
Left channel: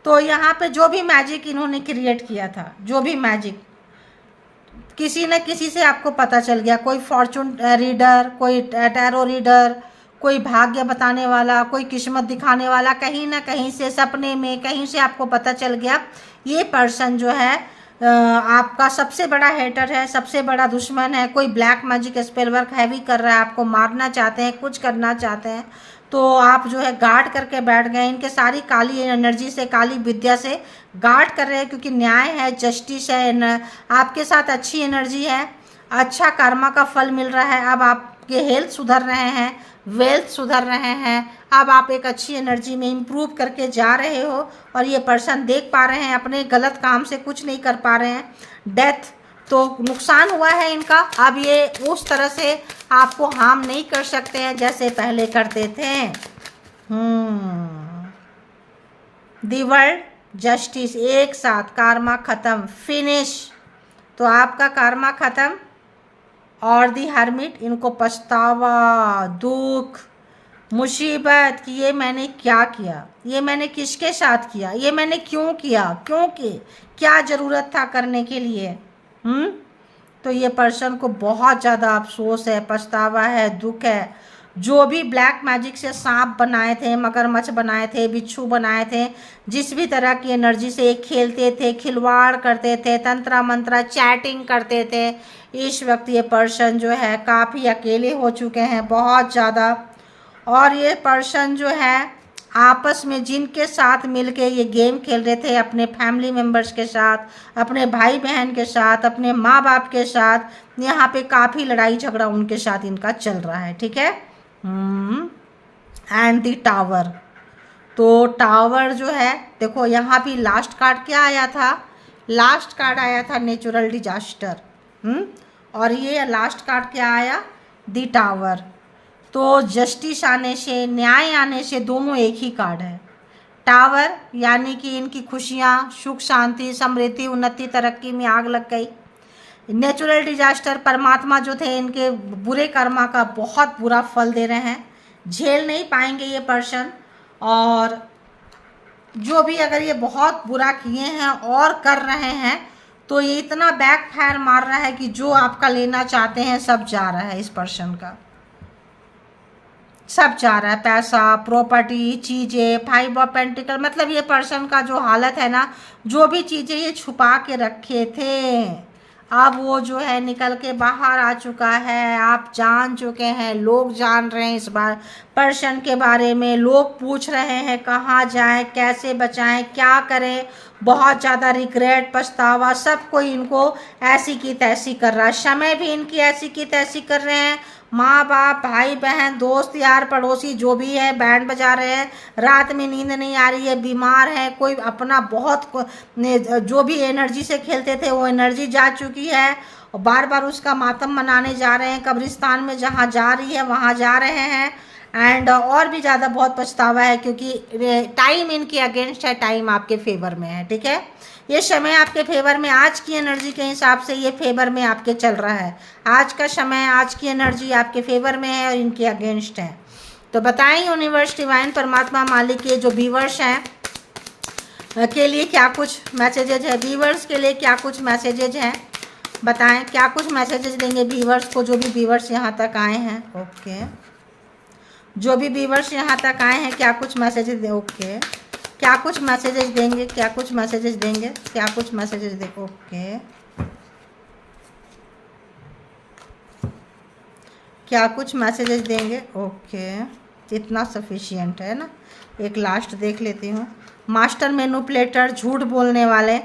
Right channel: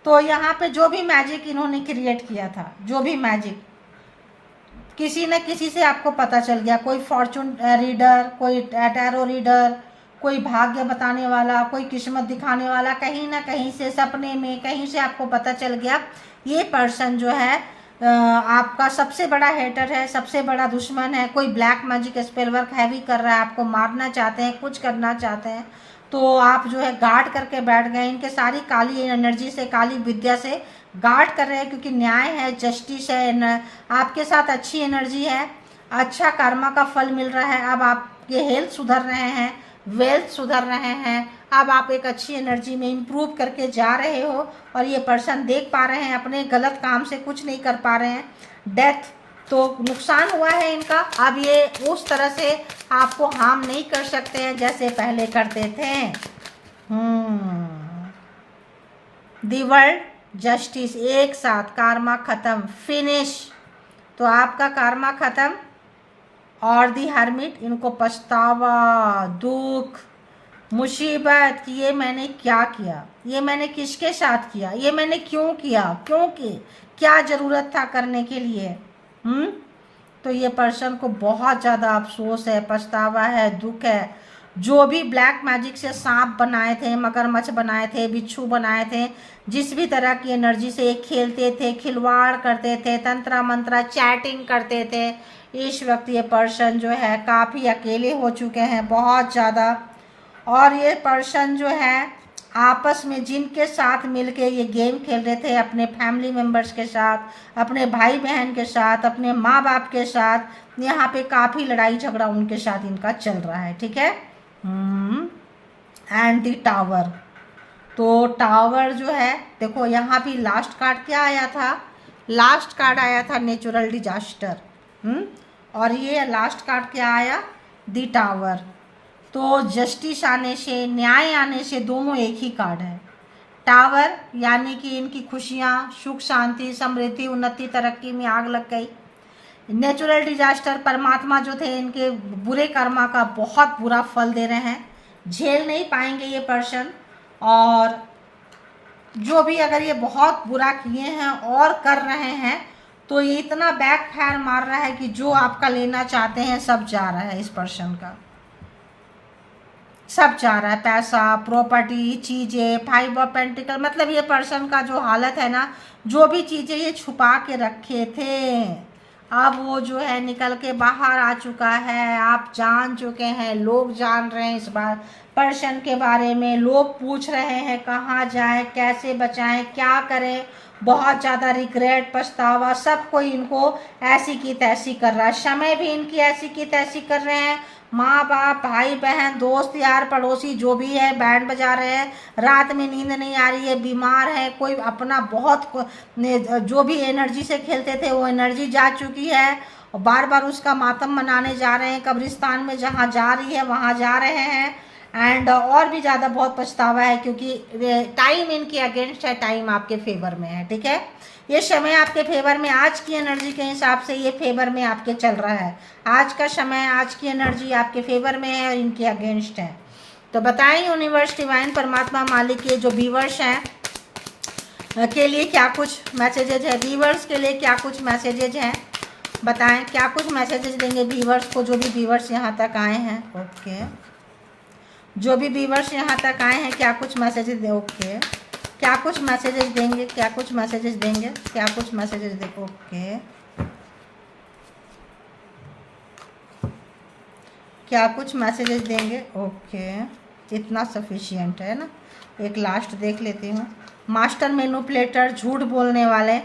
तो यहाँ पे जो भी मैजिक इन्होंने क्रिएट किया था, जो भी मैजिक, किसी न किसी से आपको पता चल गया, कोई फॉर्चून रीडर, कोई टैरो रीडर, कोई भाग्य बताने वाला, कोई किस्मत दिखाने वाला, कहीं ना कहीं से सपने में कहीं से आपको पता चल गया ये पर्सन जो है आपका सबसे बड़ा हेटर है, सबसे बड़ा दुश्मन है। कोई black magic spell work heavy कर रहा है, आपको मारना चाहते हैं, कुछ करना चाहते हैं, तो आप जो है गार्ड करके बैठ गए, इनके सारी काली एनर्जी से, काली विद्या से गार्ड कर रहे हैं, क्योंकि न्याय है, जस्टिस है, आपके साथ अच्छी एनर्जी है, अच्छा कर्मा का फल मिल रहा है। अब आपके हेल्थ सुधर रहे हैं, वेल्थ सुधर रहे हैं, अब आप एक अच्छी एनर्जी में इम्प्रूव करके जा रहे हो और ये पर्सन देख पा रहे हैं अपने गलत काम से कुछ नहीं कर पा रहे हैं, डेथ तो नुकसान हुआ है इनका। अब ये उस तरह से आपको हार्म नहीं कर सकते हैं जैसे पहले करते थे। दी वर्ल्ड, जस्टिस, एक साथ, कार्मा खत्म, फिनिश। तो आपका कार्मा खत्म। और दी हर्मिट, इनको पछतावा, दुख, मुसीबत कि ये मैंने क्या किया, ये मैंने किसके साथ किया, ये मैंने क्यों किया, क्योंकि क्या ज़रूरत था करने के लिए। तो ये पर्सन को बहुत ज़्यादा अफसोस है, पछतावा है, दुख है। जो भी ब्लैक मैजिक से सांप बनाए थे, मगरमच्छ बनाए थे, बिच्छू बनाए थे, जिस भी तरह की एनर्जी से खेलते थे, खिलवाड़ करते थे, तंत्रा मंत्रा चैटिंग करते थे, इस वक्त ये पर्सन जो है काफ़ी अकेले हो चुके हैं, बहुत ज़्यादा। और ये पर्सन जो है आपस में जिनके साथ मिलके ये गेम खेल रहे थे, अपने फैमिली मेम्बर्स के साथ, अपने भाई बहन के साथ, अपने माँ बाप के साथ, यहाँ पे काफ़ी लड़ाई झगड़ा उनके साथ इनका चल रहा है। ठीक है। एंड दी टावर, तो टावर जो है देखो यहाँ भी लास्ट कार्ड क्या आया था, लास्ट कार्ड आया था नेचुरल डिजास्टर। और ये लास्ट कार्ड क्या आया, दी टावर। तो जस्टिस आने से, न्याय आने से दोनों एक ही कार्ड है। टावर यानी कि इनकी खुशियाँ, सुख, शांति, समृद्धि, उन्नति, तरक्की में आग लग गई। नेचुरल डिजास्टर, परमात्मा जो थे इनके बुरे कर्मा का बहुत बुरा फल दे रहे हैं, झेल नहीं पाएंगे ये पर्सन। और जो भी अगर ये बहुत बुरा किए हैं और कर रहे हैं तो ये इतना बैक फायर मार रहा है कि जो आपका लेना चाहते हैं सब जा रहा है, इस पर्सन का सब जा रहा है, पैसा, प्रॉपर्टी, चीज़ें, 5 ऑफ पेंटिकल। मतलब ये पर्सन का जो हालत है ना, जो भी चीज़ें ये छुपा के रखे थे अब वो जो है निकल के बाहर आ चुका है, आप जान चुके हैं, लोग जान रहे हैं इस बार पर्सन के बारे में, लोग पूछ रहे हैं कहाँ जाएं, कैसे बचाएं, क्या करें, बहुत ज़्यादा रिग्रेट, पछतावा, सब कोई इनको ऐसी की तैसी कर रहा है, समय भी इनकी ऐसी की तैसी कर रहे हैं, माँ बाप, भाई बहन, दोस्त यार, पड़ोसी जो भी है बैंड बजा रहे हैं, रात में नींद नहीं आ रही है, बीमार है, कोई अपना बहुत जो भी एनर्जी से खेलते थे वो एनर्जी जा चुकी है और बार बार उसका मातम मनाने जा रहे हैं, कब्रिस्तान में जहाँ जा रही है वहाँ जा रहे हैं। एंड और भी ज़्यादा बहुत पछतावा है क्योंकि टाइम इनके अगेंस्ट है, टाइम आपके फेवर में है। ठीक है, ये समय आपके फेवर में, आज की एनर्जी के हिसाब से ये फेवर में आपके चल रहा है, आज का समय, आज की एनर्जी आपके फेवर में है और इनके अगेंस्ट है। तो बताएं यूनिवर्स, डिवाइन, परमात्मा, मालिक, ये जो व्यूअर्स हैं के लिए क्या कुछ मैसेजेज है, व्यूअर्स के लिए क्या कुछ मैसेजेज हैं, बताएं क्या कुछ मैसेजेज देंगे व्यूअर्स को, जो भी व्यूअर्स यहाँ तक आए हैं। ओके, जो भी व्यूअर्स यहाँ तक आए हैं क्या कुछ मैसेजेज दे, ओके, क्या कुछ मैसेजेस देंगे, क्या कुछ मैसेजेस देंगे, क्या कुछ मैसेजेस दे, ओके, क्या कुछ मैसेजेस देंगे, ओके, इतना सफिशिएंट है ना। एक लास्ट देख लेती हूँ। मास्टर मैनिपुलेटर, झूठ बोलने वाले,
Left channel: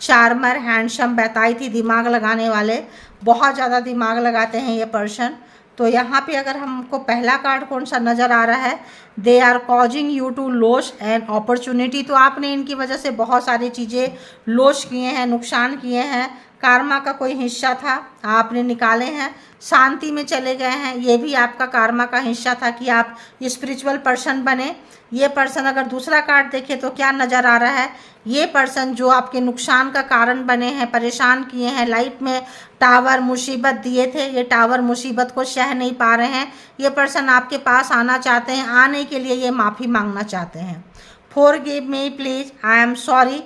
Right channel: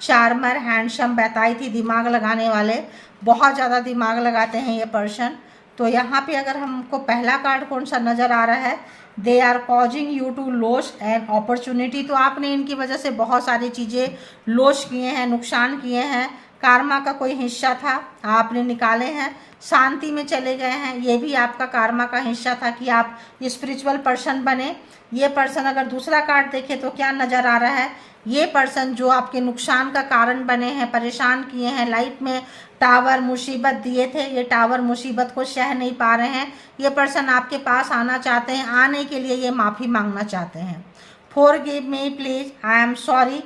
चार्मर, हैंडसम, बताई थी, दिमाग लगाने वाले, बहुत ज़्यादा दिमाग लगाते हैं ये पर्सन, तो यहाँ पे अगर हमको पहला कार्ड कौन सा नज़र आ रहा है, they are causing you to loss and opportunity. तो आपने इनकी वजह से बहुत सारी चीज़ें लॉस किए हैं, नुकसान किए हैं, कार्मा का कोई हिस्सा था आपने निकाले हैं, शांति में चले गए हैं, ये भी आपका कार्मा का हिस्सा था कि आप स्पिरिचुअल पर्सन बने। ये पर्सन अगर दूसरा कार्ड देखे तो क्या नज़र आ रहा है, ये पर्सन जो आपके नुकसान का कारण बने हैं, परेशान किए हैं, लाइफ में टावर मुसीबत दिए थे, ये टावर मुसीबत को सह नहीं पा रहे हैं, ये पर्सन आपके पास आना चाहते हैं, आने के लिए ये माफ़ी मांगना चाहते हैं। Forgive me please, I am sorry.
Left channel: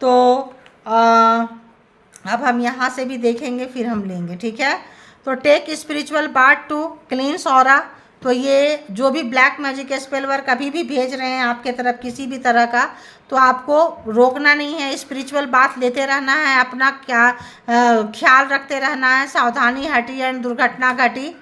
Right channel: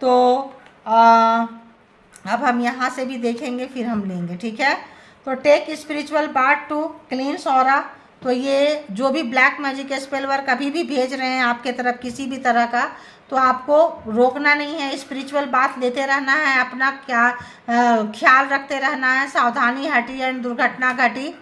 तो अब हम यहाँ से भी देखेंगे फिर हम लेंगे, ठीक है। तो take spiritual bath to cleanse aura. तो ये जो भी ब्लैक मैजिक स्पेल वर्क कभी भी भेज रहे हैं आपके तरफ किसी भी तरह का, तो आपको रोकना नहीं है, स्पिरिचुअल बात लेते रहना है, अपना क्या ख्याल रखते रहना है, सावधानी हटी एंड दुर्घटना घटी।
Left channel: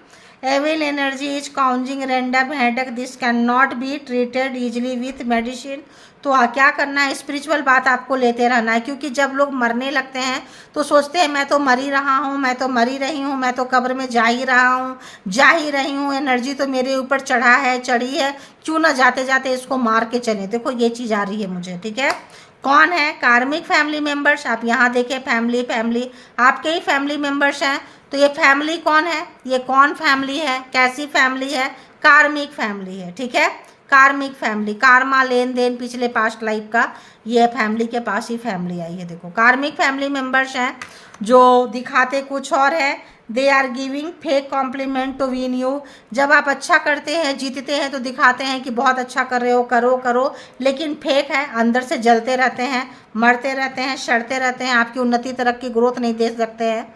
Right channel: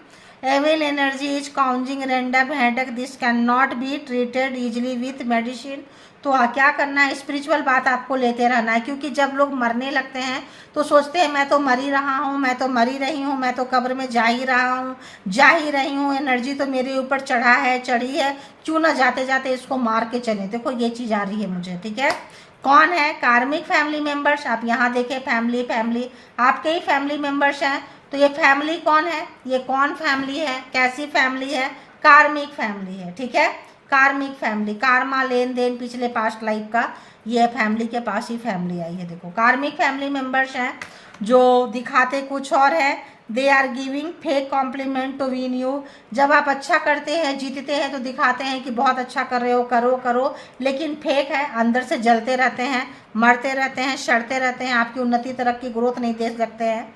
Evil energy is causing random headache, this cannot be treated easily with medicine. तो क्या करना है, स्पिरिचुअल बात आपको लेते रहना है, क्योंकि जब लोग मरने लगते हैं तो सोचते हैं मैं तो मर ही रहा हूँ, मैं तो मर ही रही हूँ, मैं तो कब्र में जा ही रहा हूँ, जा ही रही हूँ, एनर्जी तो मेरे ऊपर चढ़ा है, चढ़ी है, क्यों ना जाते जाते इसको मार के चले। देखो ये चीज़ आ रही है मुझे, ठीक है। कौन है, कार्मिक फैमिली मेम्बर्स। आप यहाँ देखें फैमिली आपके ही फैमिली मेम्बर्स हैं। तो ये फैमिली कौन है, ये कौन फैमिली है, कैसी फैमिली है, कार्मिक फैमिली है, ठीक है। कार्मिक फैमिली, कार्मा लेन देन पिछले पास्ट लाइफ का, ये फैमिली के पास ही फैमिली आई है। देखो कार्मिक फैमिली मेंबर्स हैं जो दिखाते कुछ और है। They are giving fake compliment to win you. जब आप अच्छा करते हैं, जीतते हैं, तो दिखाते हैं कि बहुत अच्छा कर रहे हो, करो करो, लेकिन फेक है, अंदर से जलते रहते हैं, मरते रहते हैं, सड़ते रहते हैं, आपकी उन्नति तरक्की ग्रोथ नहीं दे सकते हैं।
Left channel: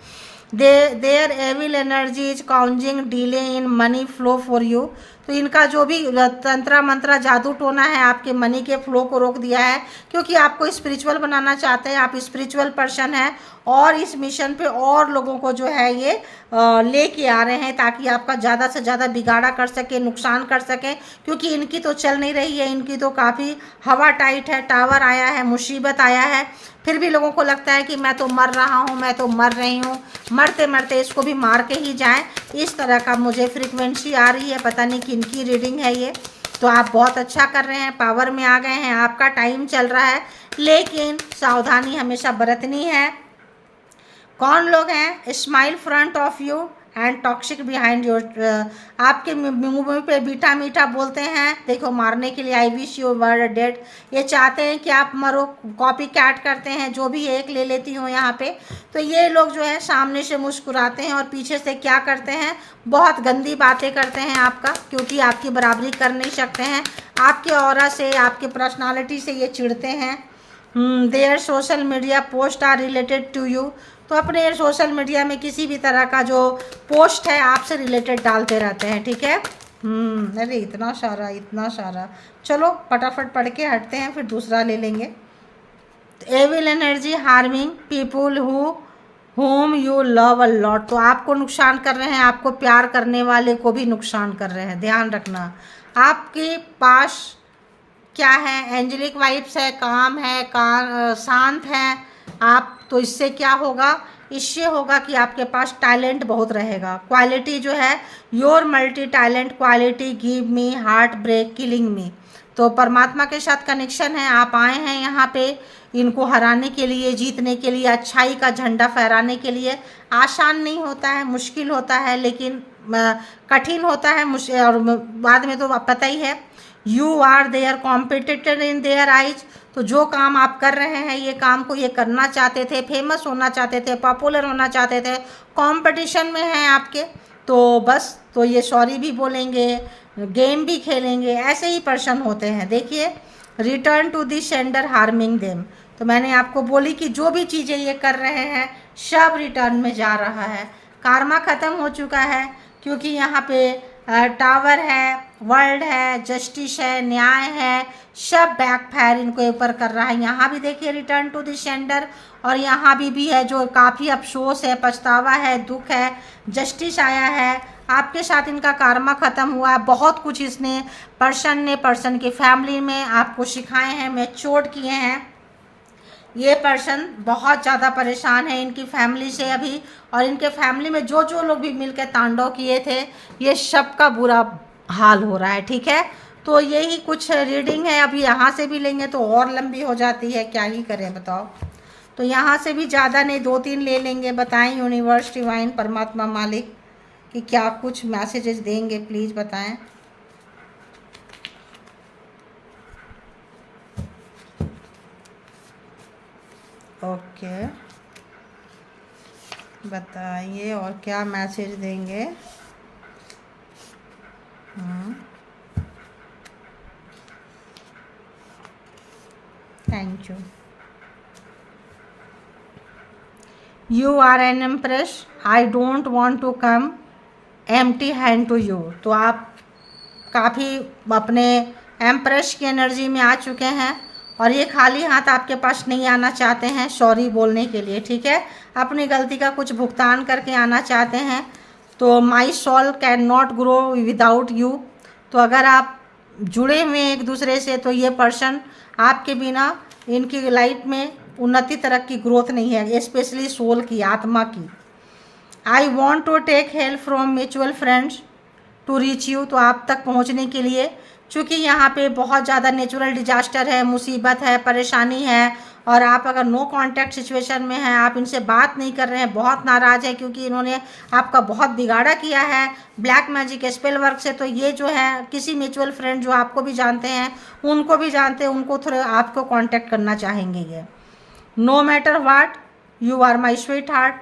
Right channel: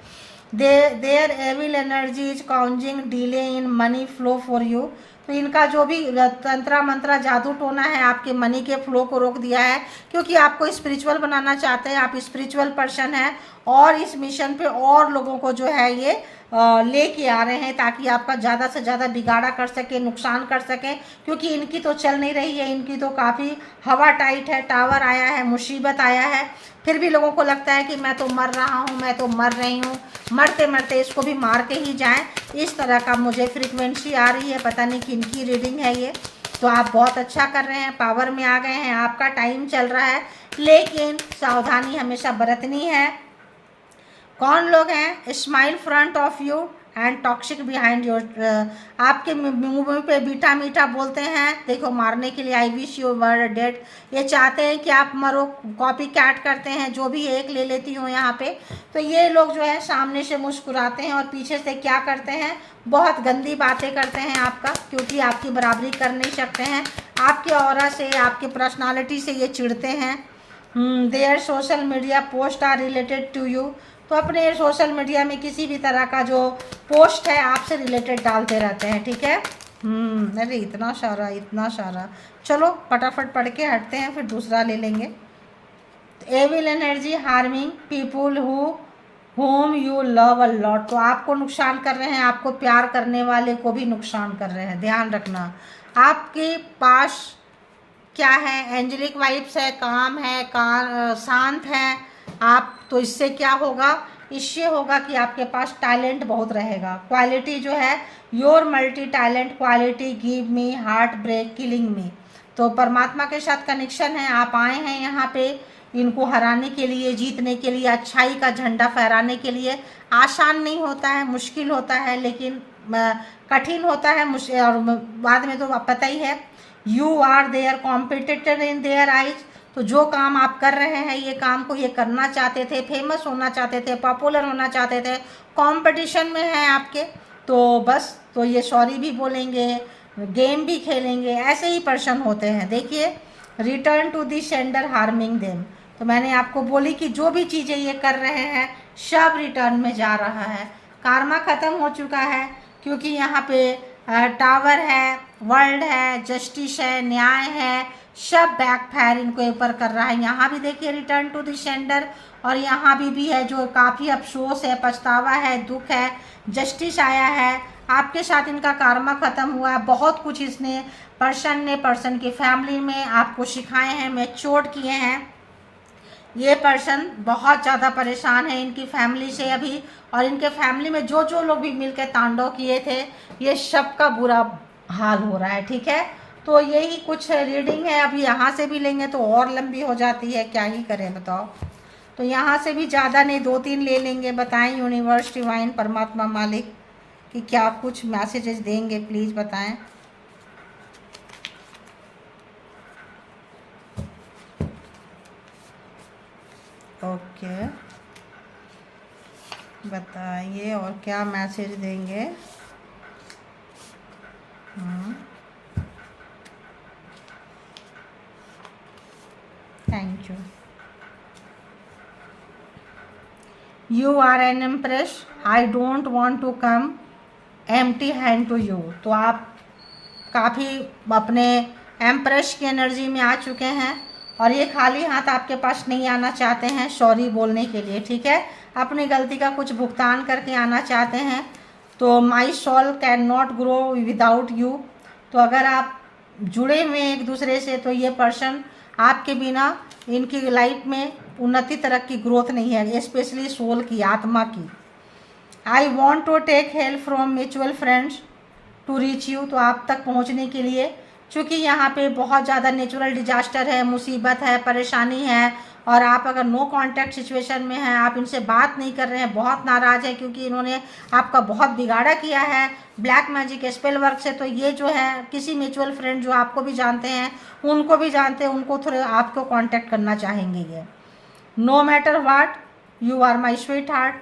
There evil energy is causing delay in money flow for you. तो इनका जो भी तंत्रा मंत्रा जादू टोना है आपके मनी के फ्लो को रोक दिया है, क्योंकि आपको स्पिरिचुअल बनाना चाहते हैं, आप स्पिरिचुअल पर्सन हैं और इस मिशन पे और लोगों को जो है ये लेके आ रहे हैं ताकि आपका ज़्यादा से ज़्यादा बिगाड़ा कर सके, नुकसान कर सके, क्योंकि इनकी तो चल नहीं रही है, इनकी तो काफ़ी हवा टाइट है, टावर आया है, मुसीबत आया है, फिर भी लोगों को लगता है कि मैं तो मर रहा हूँ, मैं तो मर रही हूँ, मरते मरते इसको भी मार के ही जाएं। इस तरह का मुझे फ्रीक्वेंसी आ रही है, पता नहीं किनकी रीडिंग है ये। तो आप बहुत अच्छा कर रहे हैं, पावर में आ गए हैं, आपका टाइम चल रहा है, लेकिन सावधानी हमेशा बरतनी है। कौन लोग हैं, smile front of you and toxic behind your. आपके मुंह पे मीठा मीठा बोलते हैं, देखो मारने के लिए, I wish you were dead. ये चाहते हैं कि आप मरो, कॉपी कैट करते हैं, जो भी एक ले लेती हूँ यहाँ पे। तो ये लोग जो है सामने से मुस्कुराते हैं और पीछे से क्या करते हैं, बहुत गंदी बातें करते हैं आपका, क्योंकि आपकी बराबरी कर नहीं सकते हैं, आपके ऑरा से, आपके पर्सनालिटी से ये चिढ़ते हैं। Their social media post are related to you. तो अपने सोशल मीडिया में किसी भी तरह का जो पोस्ट है आपसे रिलेटेड डालते रहते हैं, ठीक है। अरे इतना सारा। चलो फटाफट पढ़ के हटते हैं, फिर दूसरा ले लेंगे। Evil energy harming people whom you love a lot। तो आपको नुकसान कर रहे हैं, आपको प्यार करने वाले को भी नुकसान कर रहे हैं, ध्यान रखना। आपके पास क्या है, एंजेलिक वाइब्स है, काम है, शांत है आप। तो इससे क्या होगा, इससे होगा कि आपके पास टैलेंट बहुत रहेगा। क्वालिटी जो है, your multi talent quality give me heart break killing me. तो परमात्मा के साथ कनेक्शन है, आप आए हैं यहाँ पे इनको हराने के लिए, जीतने के लिए, अच्छाई का झंडा फहराने के लिए। आसान नहीं होता है, मुश्किल होता है, लेकिन कठिन होता है, और बाद में तो पता ही है। You are their competitor in their eyes. तो जो काम आप कर रहे हैं, ये काम को ये करना चाहते थे, फेमस होना चाहते थे, पॉपुलर होना चाहते थे, कंपटीशन में हैं आपके, तो बस तो ये सॉरी भी बोलेंगे, गेम भी खेलेंगे, ऐसे ही पर्सन होते हैं। देखिए, return to the sender harming them. तो मैंने आपको बोली कि जो भी चीज़ें ये कर रहे हैं सब रिटर्न में जा रहा है। कार्मा ख़त्म हो चुका है, क्योंकि यहाँ पे टावर है, वर्ल्ड है, जस्टिस है, न्याय है, सब बैकफायर इनको ऊपर कर रहा है। यहाँ भी देखिए रिटर्न टू द सेंडर, और यहाँ भी है जो काफ़ी अफसोस है, पछतावा है, दुख है, जस्टिस आया है। आपके साथ इनका कार्मा ख़त्म हुआ है। बहुत कुछ इसने पर्सन के फैमिली में आपको सिखाए हैं, मैच्योर किए हैं, ये पर्सन बहुत ज़्यादा परेशान है इनकी फैमिली से अभी, और इनके फैमिली में जो जो लोग भी मिलकर तांडव किए थे, ये सब का बुरा हाल हो रहा है। ठीक है, तो यही कुछ रीडिंग है। अभी यहाँ से भी लेंगे तो और लंबी हो जाती है, क्या ही करें बताओ। तो यहाँ से भी ज़्यादा नहीं, 2-3 ले लेंगे। बताएं यूनिवर्स, डिवाइन, परमात्मा, मालिक कि क्या कुछ मैसेजेस देंगे, प्लीज़ बताएं। ओके, बताइए और क्या मैसेज देंगे। Thank you. You are an empress, I don't want to come empty hand to you. तो आप काफ़ी अपने एम्प्रेस की एनर्जी में आ चुके हैं और ये खाली हाथ आपके पास नहीं आना चाहते हैं सॉरी बोलने के लिए। ठीक है, अपनी गलती का कुछ भुगतान करके आना चाहते हैं। तो my soul can not grow without you. तो अगर आप जुड़े हुए हैं एक दूसरे से तो ये पर्सन आपके बिना, इनकी लाइफ में उन्नति, तरक्की, ग्रोथ नहीं है, स्पेशली सोल की, आत्मा की। I want to take help from mutual friends to reach you. तो आप तक पहुंचने के लिए, चूँकि यहाँ पे बहुत ज़्यादा नेचुरल डिजास्टर है, मुसीबत है, परेशानी है, और आप अगर नो कांटेक्ट सिचुएशन में हैं, आप इनसे बात नहीं कर रहे हैं, बहुत नाराज़ है क्योंकि इन्होंने आपका बहुत बिगाड़ा किया है ब्लैक मैजिक स्पेल वर्क से। तो ये जो है किसी म्यूचुअल फ्रेंड जो आपको भी जानते हैं, उनको भी जानते हैं, उनको थोड़ा आपको कॉन्टैक्ट करना चाहेंगे ये। No matter what you are my sweetheart.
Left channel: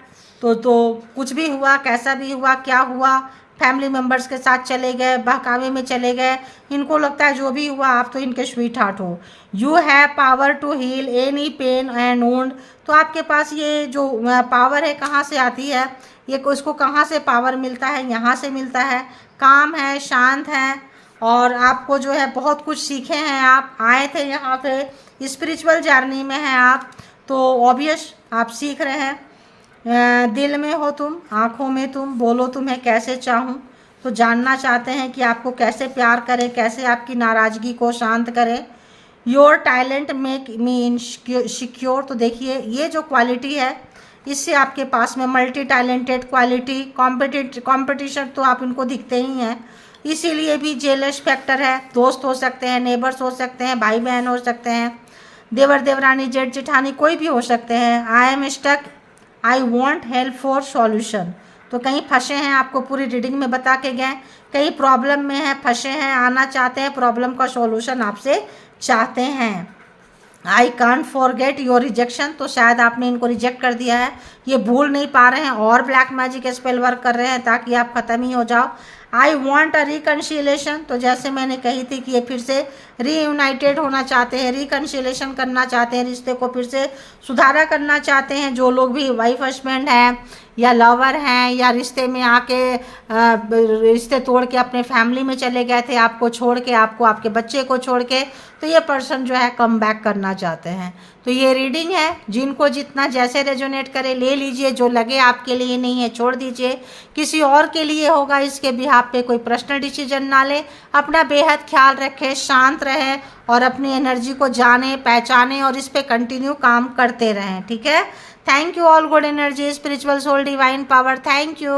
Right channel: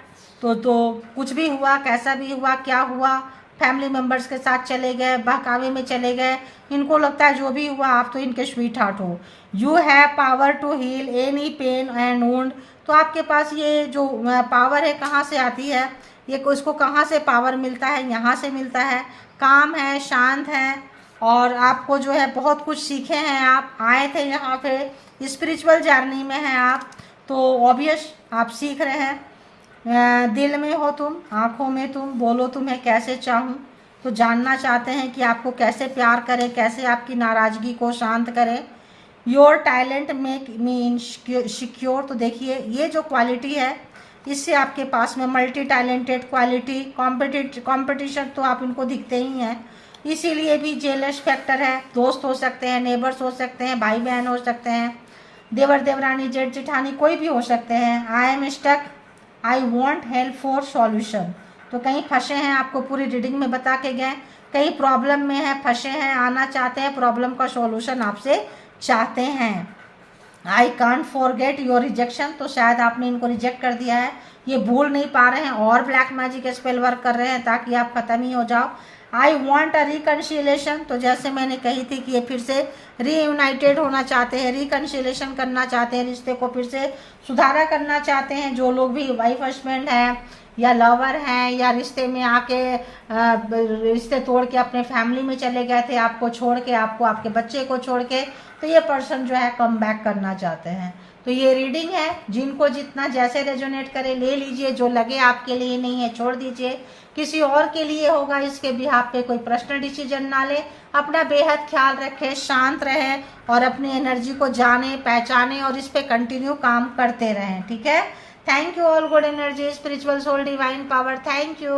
तो कुछ भी हुआ, कैसा भी हुआ, क्या हुआ, फैमिली मेम्बर्स के साथ चले गए, बहकावे में चले गए, इनको लगता है जो भी हुआ आप तो इनके स्वीट हार्ट हो। You have power to heal any pain and wound. तो आपके पास ये जो पावर है कहाँ से आती है, ये इसको कहाँ से पावर मिलता है, यहाँ से मिलता है। काम है, शांत है, और आपको जो है बहुत कुछ सीखे हैं, आप आए थे यहाँ पे, स्पिरिचुअल जर्नी में हैं आप, तो ऑब्वियस आप सीख रहे हैं। दिल में हो तुम, आँखों में तुम, बोलो तुम्हें कैसे चाहूँ। तो जानना चाहते हैं कि आपको कैसे प्यार करें, कैसे आपकी नाराज़गी को शांत करें। Your talent make me secure. तो देखिए ये जो क्वालिटी है, इससे आपके पास में मल्टी टैलेंटेड क्वालिटी, कॉम्पिटिशन तो आप इनको दिखते ही हैं, इसीलिए भी जेलस फैक्टर है। दोस्त हो सकते हैं, नेबर्स हो सकते हैं, भाई बहन हो सकते हैं, देवर देवरानी, जेठ जेठानी, कोई भी हो सकते हैं। I am stuck, I want help for solution. तो कहीं फंसे हैं, आपको पूरी रीडिंग में बता के गए, कहीं प्रॉब्लम में है, फंसे हैं, आना चाहते हैं, प्रॉब्लम का सॉल्यूशन आपसे चाहते हैं। I can't forget your rejection. तो शायद आपने इनको रिजेक्ट कर दिया है, ये भूल नहीं पा रहे हैं और ब्लैक मैजिक स्पेल वर्क कर रहे हैं ताकि आप ख़त्म ही हो जाओ। I want a reconciliation. तो जैसे मैंने कही थी कि ये फिर से रीयूनाइटेड होना चाहते हैं, रिकन्सिलेशन करना चाहते हैं, रिश्ते को फिर से सुधारा करना चाहते हैं। जो लोग भी वाइफ हस्बैंड हैं या लवर हैं या रिश्ते में आके रिश्ते तोड़ के अपने फैमिली में चले गए थे, आपको छोड़ के, आपको आपके बच्चे को छोड़ के, तो ये पर्सन जो है कम बैक करना चाहते हैं। तो ये रीडिंग है, जिनको जितना जैसे रेजोनेट करे ले लीजिए, जो लगे आपके लिए नहीं है छोड़ दीजिए, किसी और के लिए होगा, इसके बिहाफ पे कोई पर्सनल डिसीजन ना ले। अपना बेहद ख्याल रखें, शांत रहें और अपनी एनर्जी को जाने, पहचाने और इस पे कंटिन्यू काम करते रहें। ठीक है, thank you all, good energy, spiritual soul, divine power, thank you.